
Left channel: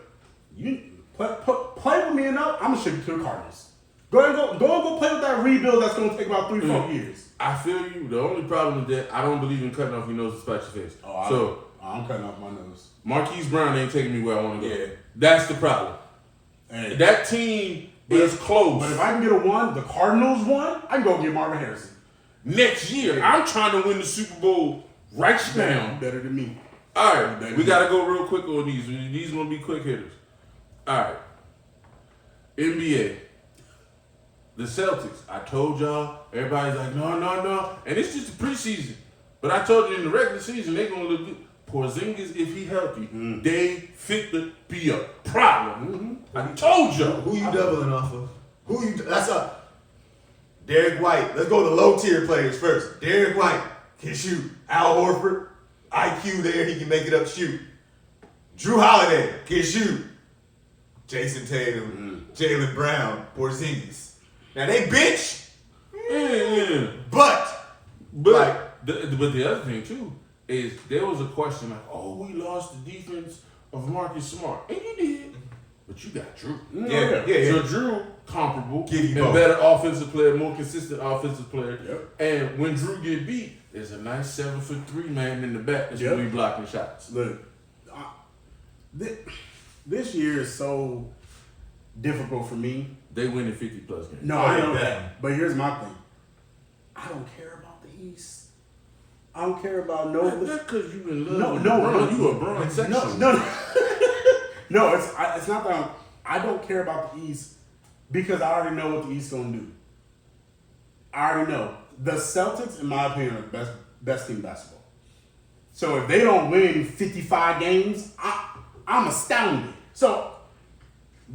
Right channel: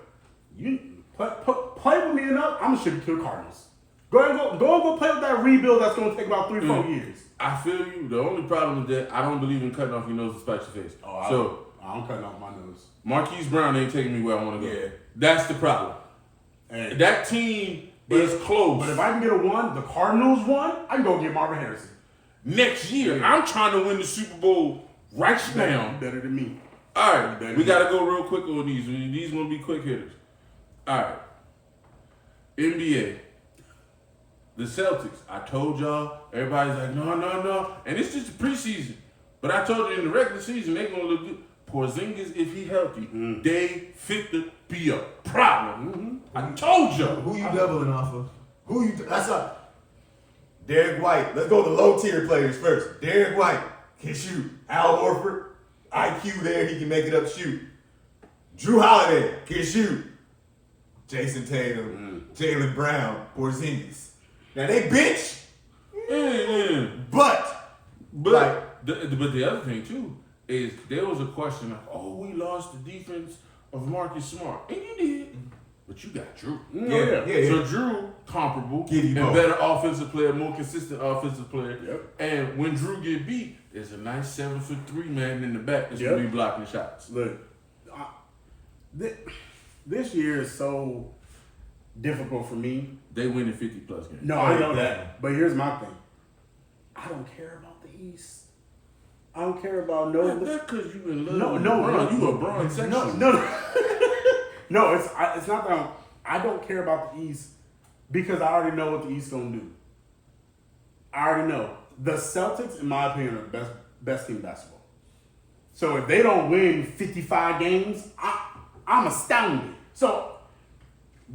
you play with me enough, I'm gonna ship you to the Cardinals. Go play with that rebuild that's gonna take about 3-4 years. I feel you. The only problem is that I don't believe in cutting off your nose to spite your face. I'm cutting off my nose. Marquise Brown ain't taking me where I want to go. Yeah. That's the problem. Hey. That team is close. But if I can get a 1, the Cardinals 1, I can go get Marvin Harrison. Next year, I'm trying to win the Super Bowl right now. Better than me. All right, we got to go real quick on these. These going to be quick hitters. All right. NBA. The Celtics. I told y'all, everybody's like, no. And it's just the preseason. But I told you in the regular season, they're going to look good. Porzingis, if he healthy, they fit to be a problem. I told you. Who you doubling off of? That's up. Derek White. Let's go to low tier players first. Derek White can shoot. Al Horford, IQ there, he can make it up shoot. Drew Holiday can shoot. Jason Tatum, Jaylen Brown, Porzingis. Now they bitch, but the other thing too is there was a question like, oh, we lost the defense of Marcus Smart, and you did, but you got Drew. Yeah. So Drew comparable, Give you and both. better offensive player, more consistent offensive player. Yep. And when Drew get beat, there's a nice 7'3" man in the back that's gonna be blocking shots. Look, this year is so difficult for me. They win in 50+ games. No, I know that. But here's my thing. I don't care about the East. I don't care about no. That's because you in love. No. You a Bron section. No. No, it's not that I don't care about the East because I already know what the East gonna do. I already know. The Celtics, in my opinion, are the best team in basketball. So if they don't win 55 games, I'm astounded. So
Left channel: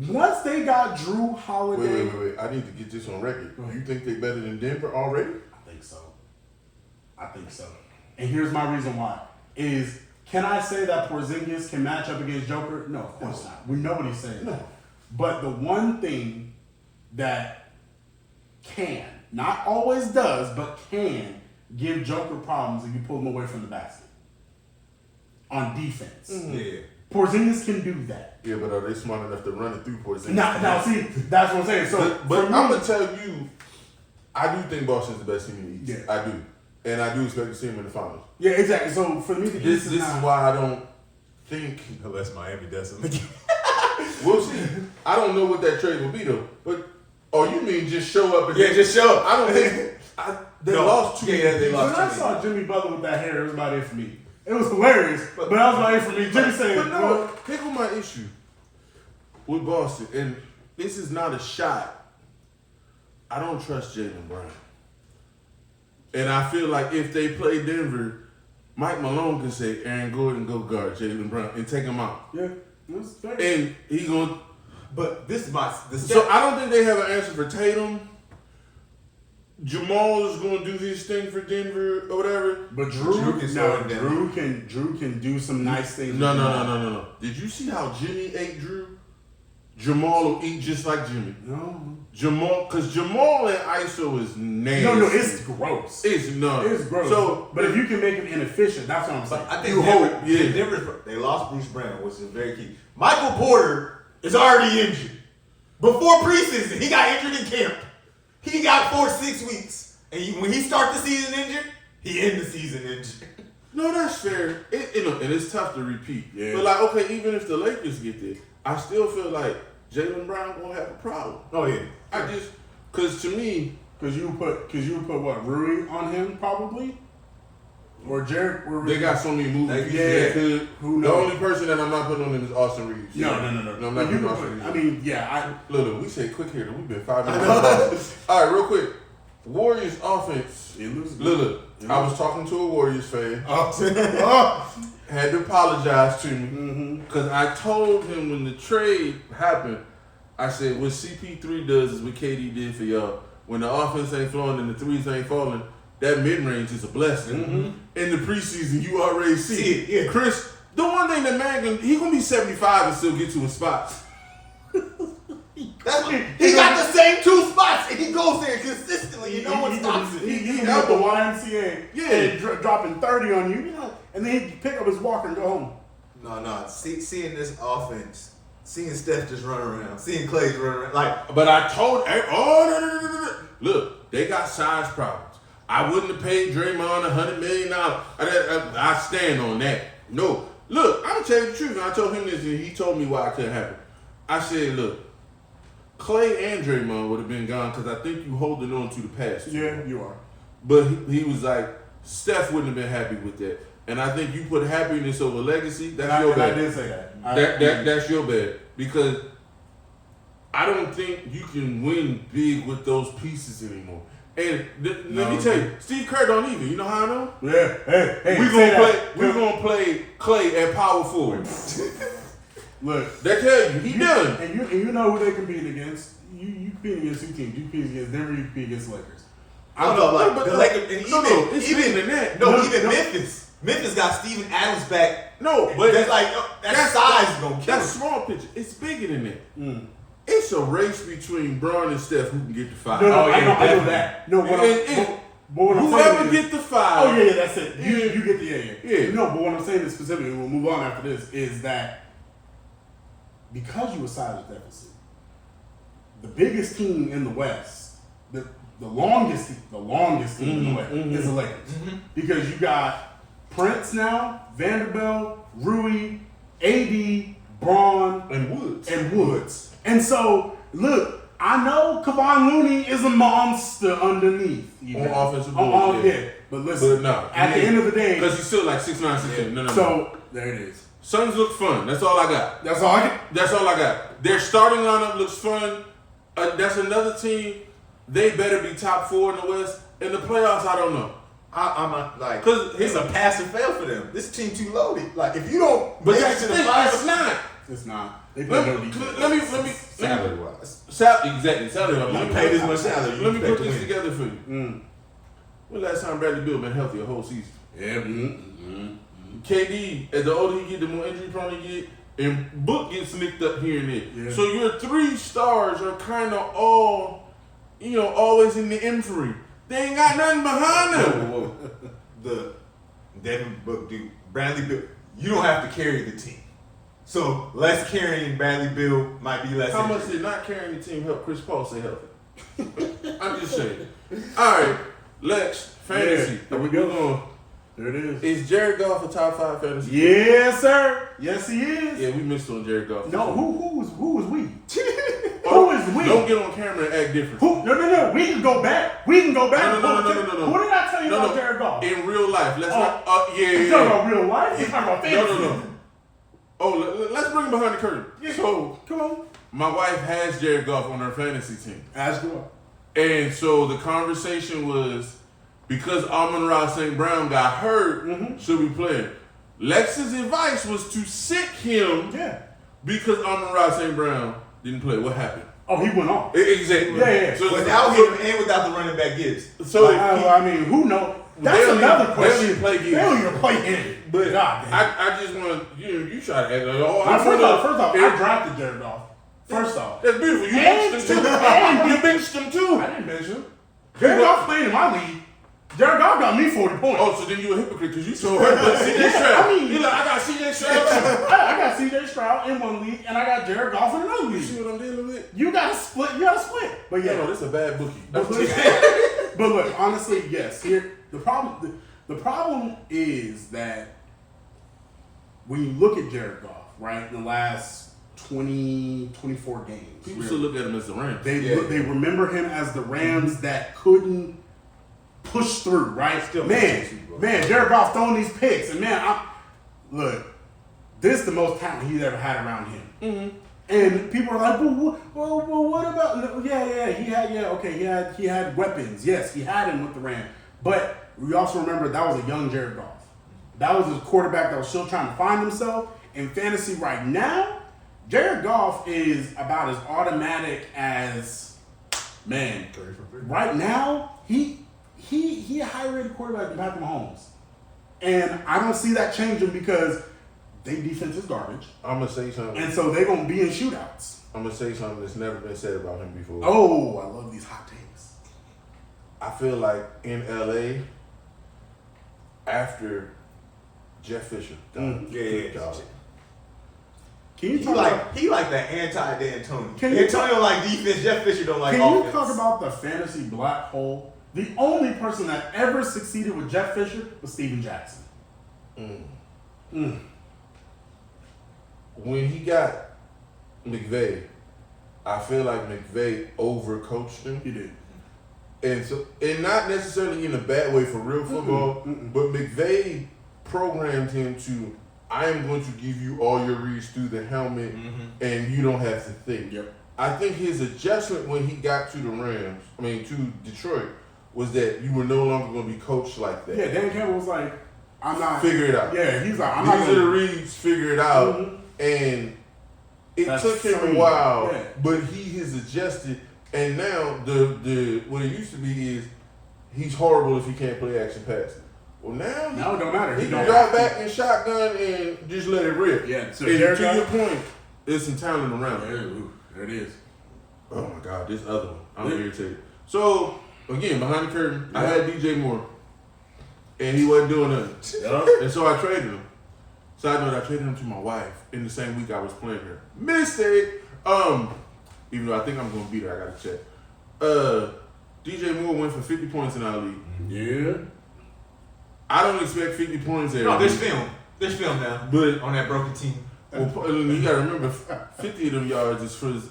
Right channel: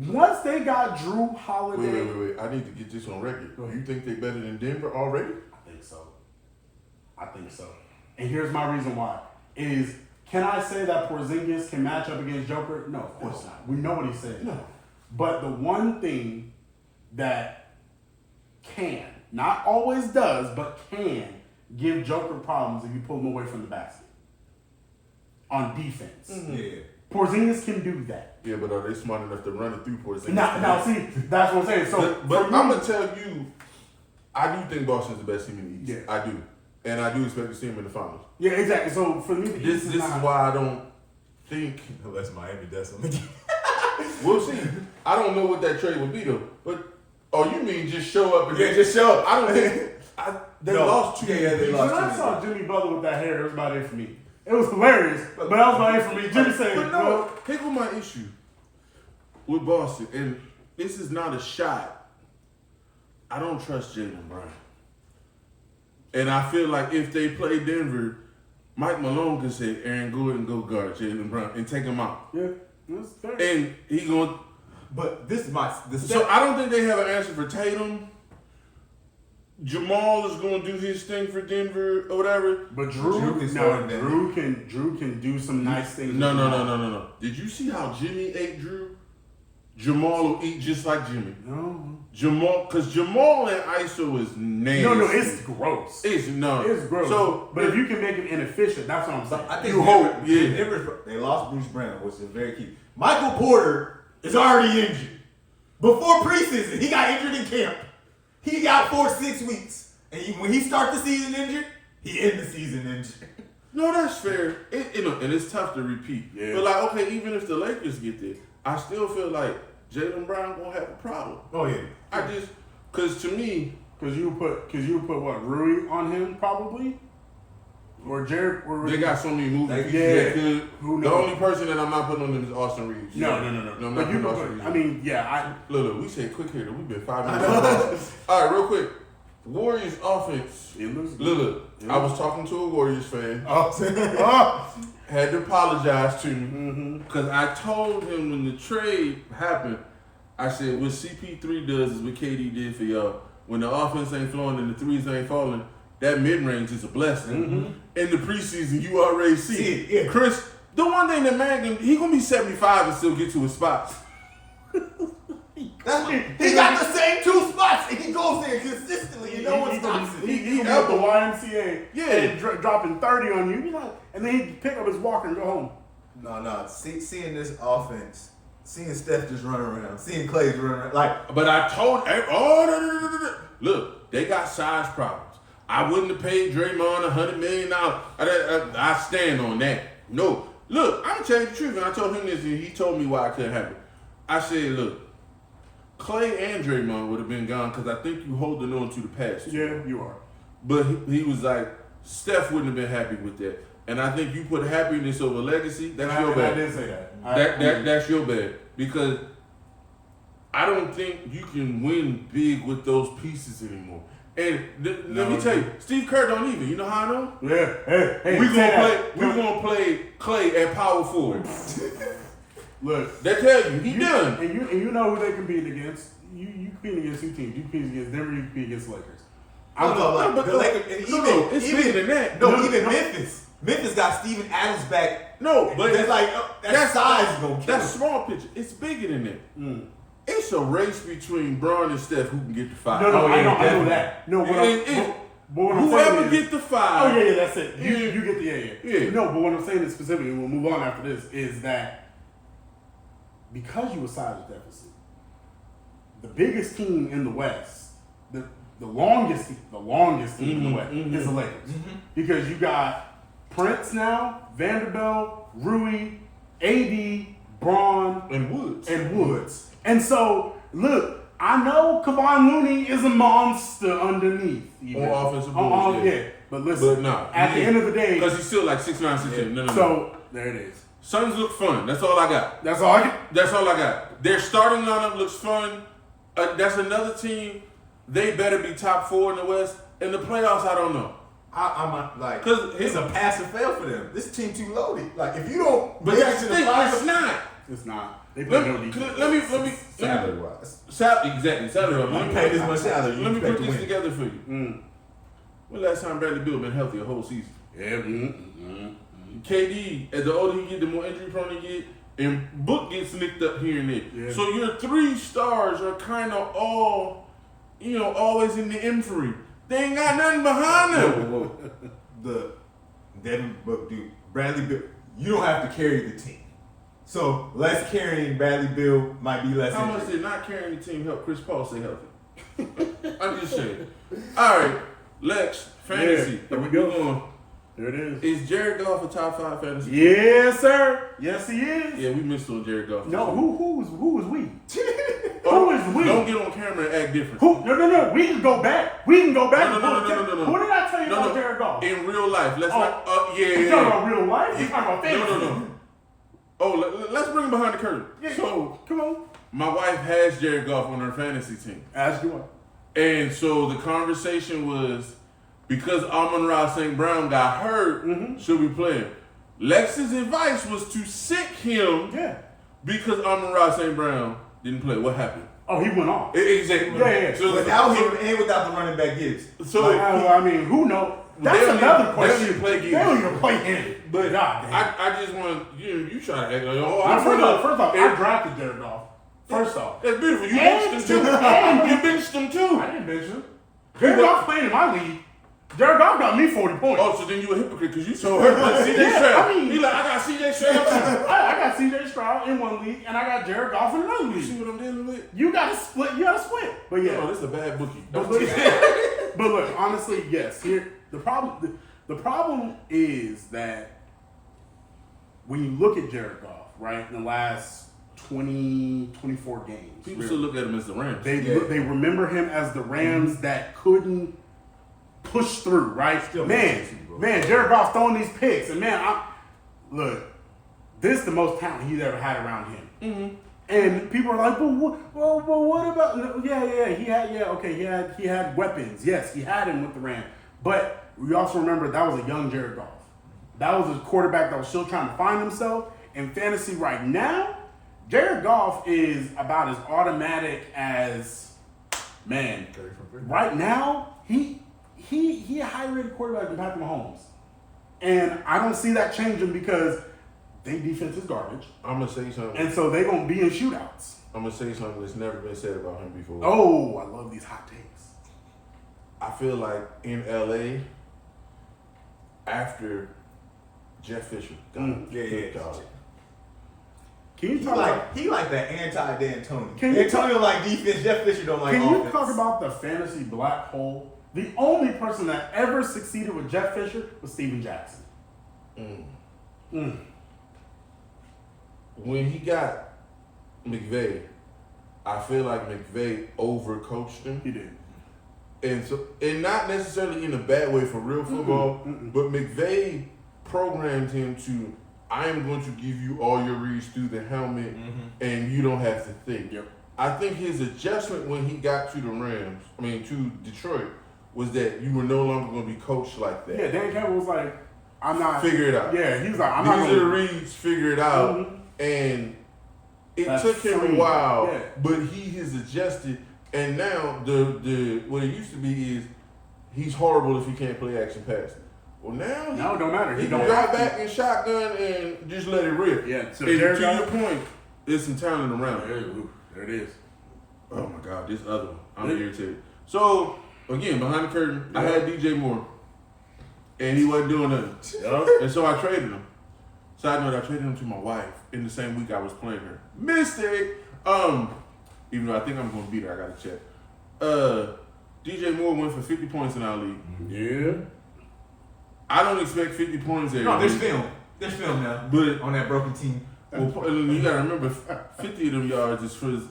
once they got Drew Holiday, Wait. I need to get this on record. You think they better than Denver already? I think so. And here's my reason why. Can I say that Porzingis can match up against Joker? No, of course not. We know what he's saying. No. But the one thing that can, not always does, but can give Joker problems if you pull him away from the basket on defense. Yeah. Porzingis can do that. Yeah, but are they smart enough to run it through Porzingis? Now, see, that's what I'm saying. So, but I'm gonna tell you, I do think Boston's the best team in the East. Yeah. I do. and I do expect to see him in the finals. Yeah, exactly. So for me, the This East is not, why I don't think Unless Miami does something again. we'll see. I don't know what that trade would be though. But you mean just show up and Yeah, just show up. I don't think they No. lost 2 Yeah, they When lost. I saw Jimmy Butler with that hair, it was about it for me. It was hilarious, but that was about it for me. Jimmy said, But no, here's my issue with Boston, and this is not a shot. I don't trust Jaylen Brown. And I feel like if they play Denver, Mike Malone can say Aaron Gordon go guard Jaylen Brown and take him out. yeah, that's fair. And he going But this is the so I don't think they have an answer for Tatum. Jamal is going to do his thing for Denver or whatever. But Drew can score in Drew can do some nice things. No, with no, the no, ball. no, no, no. Did you see how Jimmy ate Drew? Jamal will eat just like Jimmy. No, Because Jamal and ISO is nasty. no, it's gross. It's no. It's gross. So, but if you can make him inefficient, that's what I'm saying. I think You hope, yeah. Denver, they lost Bruce Brown, which is very key. Michael Porter is already injured. Before preseason, he got injured in camp. He got 4-6 weeks. And when he starts the season injured, he ends the season injured. no, that's fair. And it's tough to repeat. Yeah. But like, okay, even if the Lakers get there, I still feel like Jaylen Brown gonna have a problem. Oh, yeah. Because to me, Cause you put what, Rui on him probably, or Jared, or they got so many moving pieces. Yeah. They could. Who The knows? only person that I'm not putting on them is Austin Reeves. No. I'm not But you putting can Austin put, Reeves. I mean, yeah, Look, we say quick here. We've been 5 minutes. All right, real quick. Warriors offense. it looks good. Look, I was talking to a Warriors fan. Oh. Had to apologize to me Mm-hmm. because I told him when the trade happened, I said what CP3 does is what KD did for y'all. When the offense ain't flowing and the threes ain't falling, that mid range is a blessing. Mm-hmm. In the preseason, you already see it. Yeah. Chris, the one thing that man he gonna be 75 and still get to his spots. He got the same 2 spots, and he goes there consistently. You know what stops him. He got the YMCA, Yeah. and dropping 30 on you, and then he'd pick up his walker and go home. No. Seeing this offense, seeing Steph just run around, seeing Clay just run around, like, But I told no. Look, they got size problems. I wouldn't have paid Draymond $100 million. I stand on that. No, look, I'm gonna tell you the truth. And I told him this, and he told me why it couldn't happen. I said, look, Clay and Draymond would have been gone because I think you holding on to the past. Yeah, you are. But he was like, Steph wouldn't have been happy with that. And I think you put happiness over legacy. That's your I bad. did say that. That's your bad because I don't think you can win big with those pieces anymore. And let me tell you, Steve Kerr don't even. You know how I know? Yeah. Hey. We're say gonna that. play. We're gonna play Clay at power forward. Look, They tell you he done. And you know who they compete against. You compete against 2 teams. You compete against Denver. You compete against Lakers. but the Lakers, and It's bigger than that. even Memphis. Memphis got Steven Adams back. No, but That's like that size is gonna kill That's him. small picture. It's bigger than that. Mm. It's a race between Braun and Steph who can get the 5. No, Oh, yeah, I know definitely. that. No, what And what I'm whoever saying is, get the 5. oh yeah, that's it. You get the Yeah. No, but what I'm saying is specifically, we'll move on after this, is that because you were size deficit, the biggest team in the West, the longest team in the West is the Lakers. Because you got Prince now, Vanderbilt, Rui, AD, Braun, and Woods. And so, look, I know Kevon Looney is a monster underneath. On offensive boards, yeah. But listen, But no, at the end of the day, because he's still like 6'9", 6'10". No. so there it is. Suns look fun. That's all I got. That's all I can. That's all I got. Their starting lineup looks fun. That's another team. They better be top 4 in the West. In the playoffs, I don't know. I'm like, 'Cause it's a pass or fail for them. This team too loaded. Like, if you don't, But make it that's to the the thing. finals- It's not. It's not. They play no defense. Let me salary wise. Exactly. Salary. You pay this much salary. Let me expect put to this win. together for you. When last time Bradley Beal been healthy a whole season? Yeah. KD, as the older he get, the more injury prone he get, and Book gets nicked up here and there. Yeah. So your 3 stars are kind of all, always in the infantry. They ain't got nothing behind them. Whoa. The Devin Book dude, Bradley Bill, you don't have to carry the team. So less carrying Bradley Bill might be less. How much injury. did not carrying the team help Chris Paul stay healthy? I'm just saying. All right, Lex, fantasy. There we We're go. going. There it is. Is Jared Goff a top 5 fantasy? Yes, sir. Yes, he is. Yeah, we missed on Jared Goff. No, who is we? Oh, Who is we? Don't get on camera and act different. Who? No. We can go back. We can go back. No. Who did I tell you about Jared Goff? In real life, let's Oh. not. You Yeah. talking about real life? You talking about fantasy? No. Oh, let's bring him behind the curtain. Yeah, So, come on. my wife has Jared Goff on her fantasy team. Ask you what. And so the conversation was, because Amon-Ra St. Brown got hurt, should we play him? Lex's advice was to sit him Yeah. because Amon-Ra St. Brown didn't play. What happened? Oh, he went off. Exactly. Yeah. So, Without him and without the running back Gibbs. so I mean, who knows? That's They don't another even- question. they don't even play They don't even play him. But God damn. I just want to, you try to act like, oh, Now, first off, I and- drafted Jared Goff. First off. That's beautiful. You And benched him too. and- You benched him too. I didn't mention him. Jared Goff playing in my league. Jared Goff got me 40 points. Oh, so then you a hypocrite because you told her about CJ Yeah, Stroud. I mean- He like, I got CJ Stroud too. I got CJ Stroud in one league, and I got Jared Goff in another You see league. what I'm dealing with? You got to split. You got to split. But yeah. No, this is a bad bookie. But look, honestly, yes. Here, the problem is that when you look at Jared Goff, right, in the last 24 games, People still look at him as the Rams. they remember him as the Rams that couldn't push through, right? Still man, makes sense, bro. Jared Goff throwing these picks, and man, look, this is the most talent he's ever had around him. Mm-hmm. And people are like, well, what about? Yeah, he had weapons. Yes, he had him with the Rams. But we also remember that was a young Jared Goff. That was a quarterback that was still trying to find himself. In fantasy right now, Jared Goff is about as automatic as, man. Right now, he a high-rated quarterback than Patrick Mahomes, and I don't see that changing because their defense is garbage. I'm going to say something. And so they're going to be in shootouts. I'm going to say something that's never been said about him before. Oh, I love these hot takes. I feel like in LA, after Jeff Fisher got Yeah. job, Can you talk about, He like that anti-D'Antoni. Can you Antonio like defense. Jeff Fisher don't like can offense. you talk about the fantasy black hole? The only person that ever succeeded with Jeff Fisher was Steven Jackson. when he got McVay, I feel like McVay overcoached him. He did. And not necessarily in a bad way for real football, but McVay programmed him to, I am going to give you all your reads through the helmet, and you don't have to think. Yep. I think his adjustment when he got to to Detroit, was that you were no longer going to be coached like that. Yeah, Dan Campbell was like, I'm not. Figure it out. Yeah, he's like, I'm These not are the going reads, figure it out. And it That's took him free. a while, Yeah. but he has adjusted. And now the what it used to be is he's horrible if he can't play action pass. Well, now No, it don't matter. He He can don't drop have to. back and shotgun and just let it rip. Yeah, so and Jared to your Goff- point, there's some talent around. There it is. Oh my God, this other one. I'm irritated. So again, behind the curtain, I had DJ Moore, and he wasn't doing nothing. And so I traded him. Side note, I traded him to my wife in the same week I was playing her. Mistake. Even though I think I'm gonna beat her, I gotta check. DJ Moore went for 50 points in our league. Yeah. I don't expect 50 points every No, there's week. film. There's film now. But On that broken team. well, you gotta remember, 50 of them yards is for his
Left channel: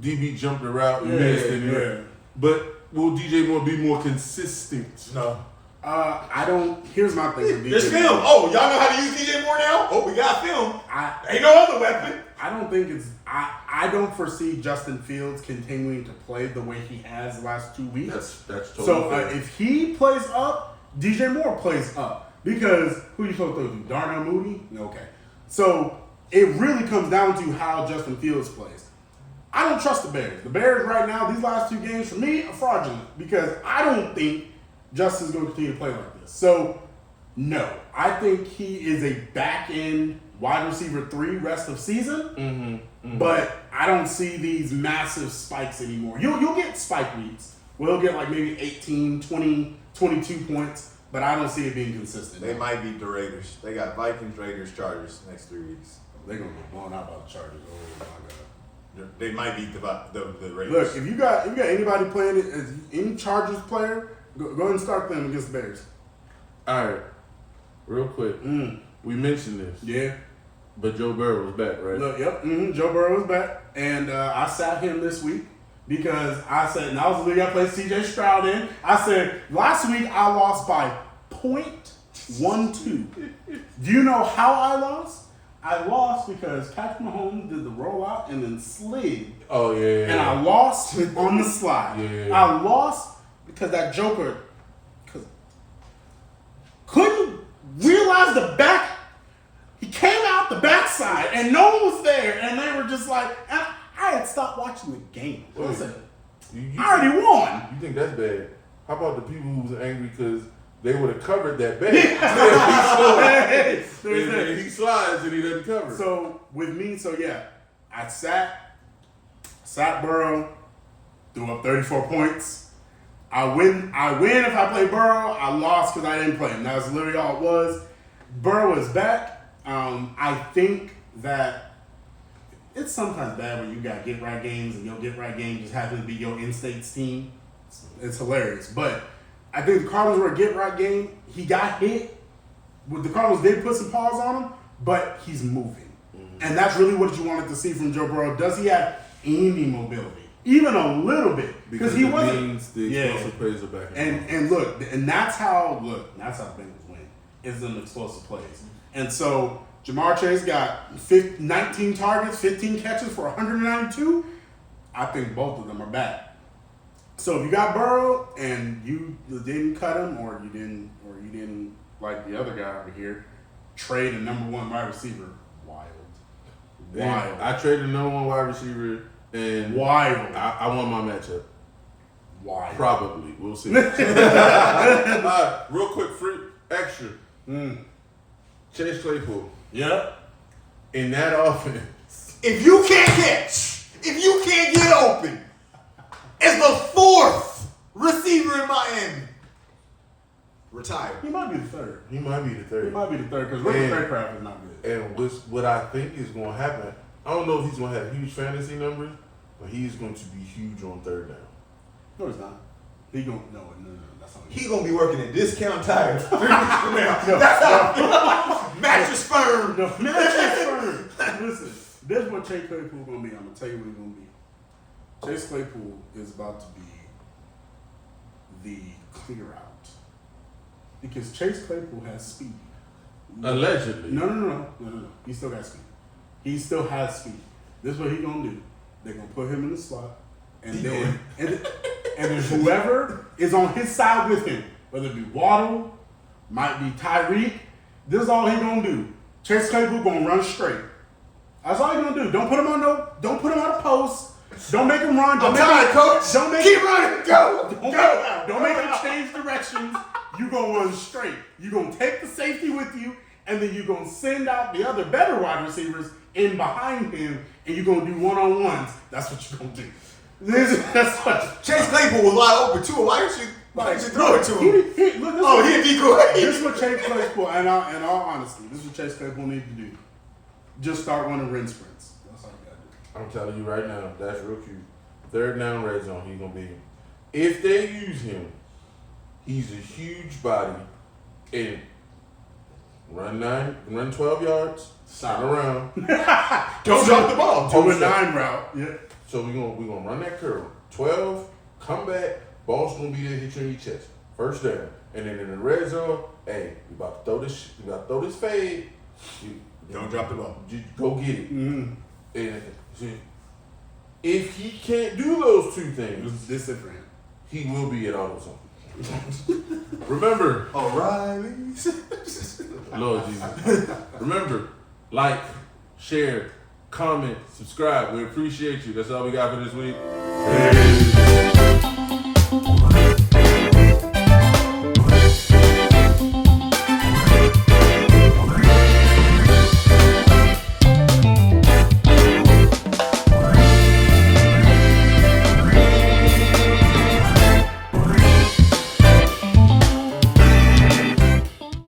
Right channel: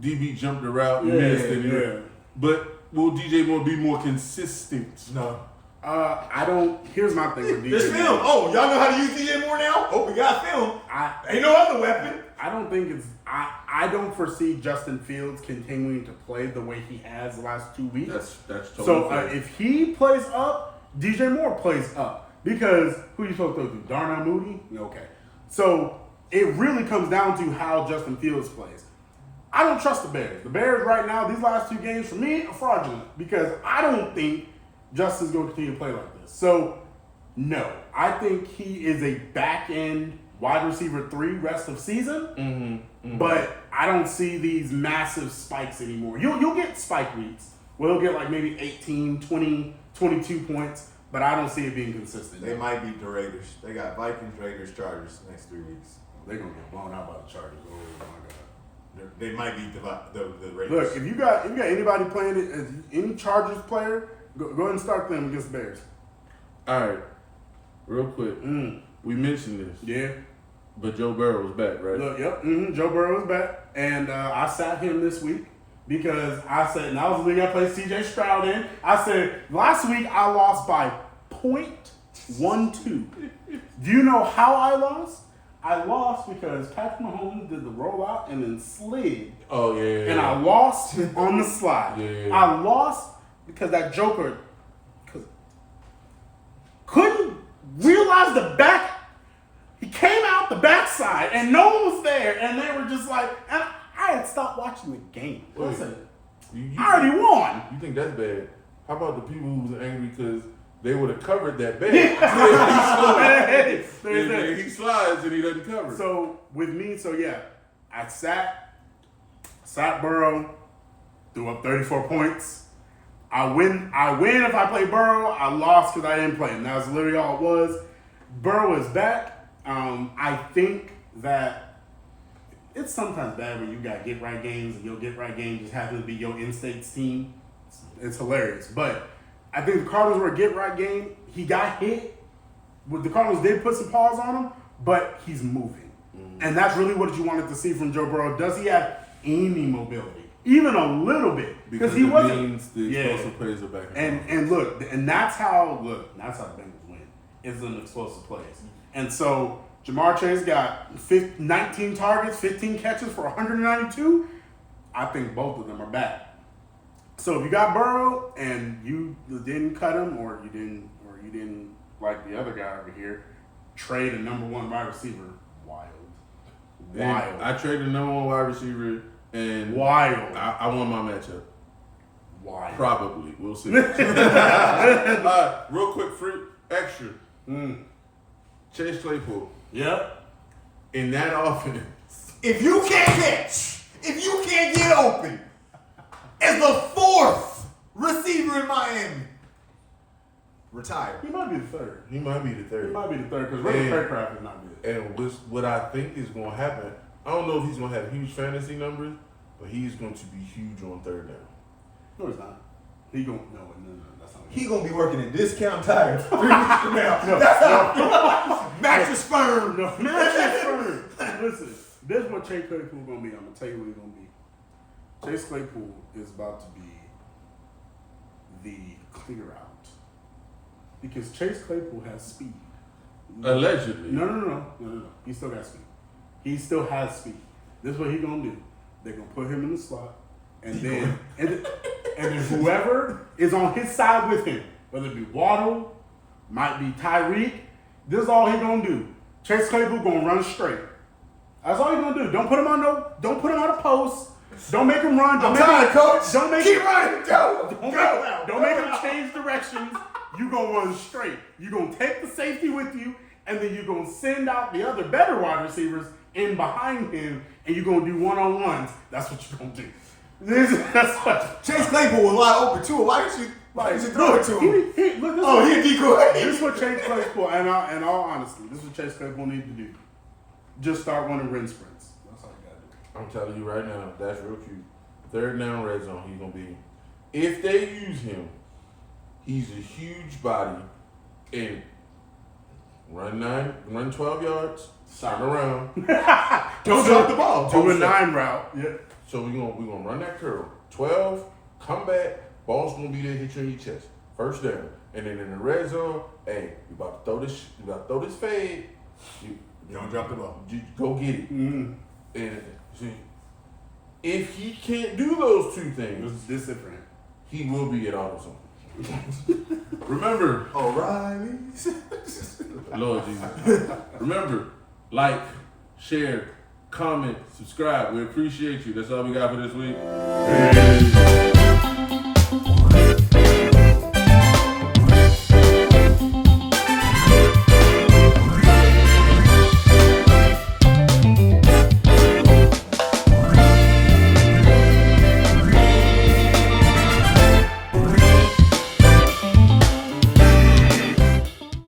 DB jumped the route and Yeah, missed. And yeah. But will DJ Moore be more consistent? No. I don't. Here's my thing with DJ. There's film. Moore. Oh, y'all know how to use DJ Moore now? Oh, we got film. Ain't no other weapon. I don't think it's. I don't foresee Justin Fields continuing to play the way he has the last 2 weeks. That's totally So fair. if he plays up, DJ Moore plays up because who you supposed to do? Darnell Mooney? Okay. So it really comes down to how Justin Fields plays. I don't trust the Bears. The Bears right now, these last 2 games for me are fraudulent because I don't think Justin's going to continue to play like this. So no, I think he is a back end wide receiver 3 rest of season. But I don't see these massive spikes anymore. You'll get spike weeks where he'll get like maybe 18, 20, 22 points, but I don't see it being consistent. They might beat the Raiders. They got Vikings, Raiders, Chargers next 3 weeks. They're going to get blown out by the Chargers. Oh my God. They might beat the Raiders. Look, if you got anybody playing it, any Chargers player Go ahead and start them against the Bears. All right, real quick. We mentioned this, Yeah. but Joe Burrow was back, right? Look, yep. Joe Burrow is back, and I sat him this week because I said, and I was the league I played C.J. Stroud in. I said last week I lost by 0.12. Do you know how I lost? I lost because Patrick Mahomes did the rollout and then slid. Oh yeah. And I lost on the slide. Yeah. I lost because that Joker couldn't realize the back. He came out the backside and no one was there, and they were just like, and I had stopped watching the game. Wait, Listen, you I already won. You think that's bad? How about the people who was angry because they would have covered that bad? He slides and he doesn't cover. So with me, I sat Burrow, threw up 34 points. I win if I play Burrow. I lost because I didn't play him. That was literally all it was. Burrow is back. I think that it's sometimes bad when you got get right games and your get right game just happens to be your in-states team. It's hilarious. But I think the Cardinals were a get right game. He got hit. The Cardinals did put some paws on him, but he's moving. And that's really what you wanted to see from Joe Burrow. Does he have any mobility? Even a little bit. Because he it wasn't. means the explosive plays are back. And that's how the Bengals win. Is in explosive plays. And so Jamar Chase got 19 targets, 15 catches for 192. I think both of them are back. So if you got Burrow and you didn't cut him, or you didn't like the other guy over here, trade a number one wide receiver. Wild. I traded number one wide receiver and wild. I won my matchup. Wild. Probably. We'll see. Real quick, extra. Chase Claypool. Yep. In that offense. If you can't catch, if you can't get open, as the fourth receiver in Miami, retire. He might be the third. He might be the third. He might be the third because Ricky Craycraft is not good. And what I think is going to happen, I don't know if he's going to have huge fantasy numbers, but he's going to be huge on third down. No, he's not. He going no. That's not. He gonna be working at Discount Tire 3 weeks from now. That's how. Mattress firm. No, mattress firm. Listen, this is what Chase Claypool gonna be. I'm gonna tell you what he's gonna be. Chase Claypool is about to be the clear out because Chase Claypool has speed. Allegedly. No. He still got speed. He still has speed. This is what he gonna do. They're gonna put him in the slot, and then whoever is on his side with him, whether it be Waddle, might be Tyreek, this is all he gonna do. Chase Claypool gonna run straight. That's all he gonna do. Don't put him on a post. Don't make him run. I'm tired, coach. Keep running. Go. Don't make him change directions. You gonna run straight. You gonna take the safety with you, and then you gonna send out the other better wide receivers in behind him, and you gonna do one-on-ones. That's what you gonna do. That's what. Chase Claypool was wide open too. Why did you throw it to him? He a decoy. This is what Chase Claypool, and in all honesty, this is what Chase Claypool needs to do. Just start running ring sprints. That's all you gotta do. I'm telling you right now, that's real cute. Third down red zone, he's gonna be. If they use him, he's a huge body and run 12 yards, turn around. Don't drop the ball. Do a 9 route. Yeah. So we're gonna run that curl. 12, come back, ball's gonna be there, hit you in your chest. First down. And then in the red zone, hey, you about to throw this fade. You don't drop the ball. You go get it. Mm-hmm. And see, if he can't do those two things, this is for him. he will be at AutoZone. Remember, O'Reilly's. Lord Jesus. Remember, like, share, comment, subscribe. We appreciate you. That's all we got for this week. Peace.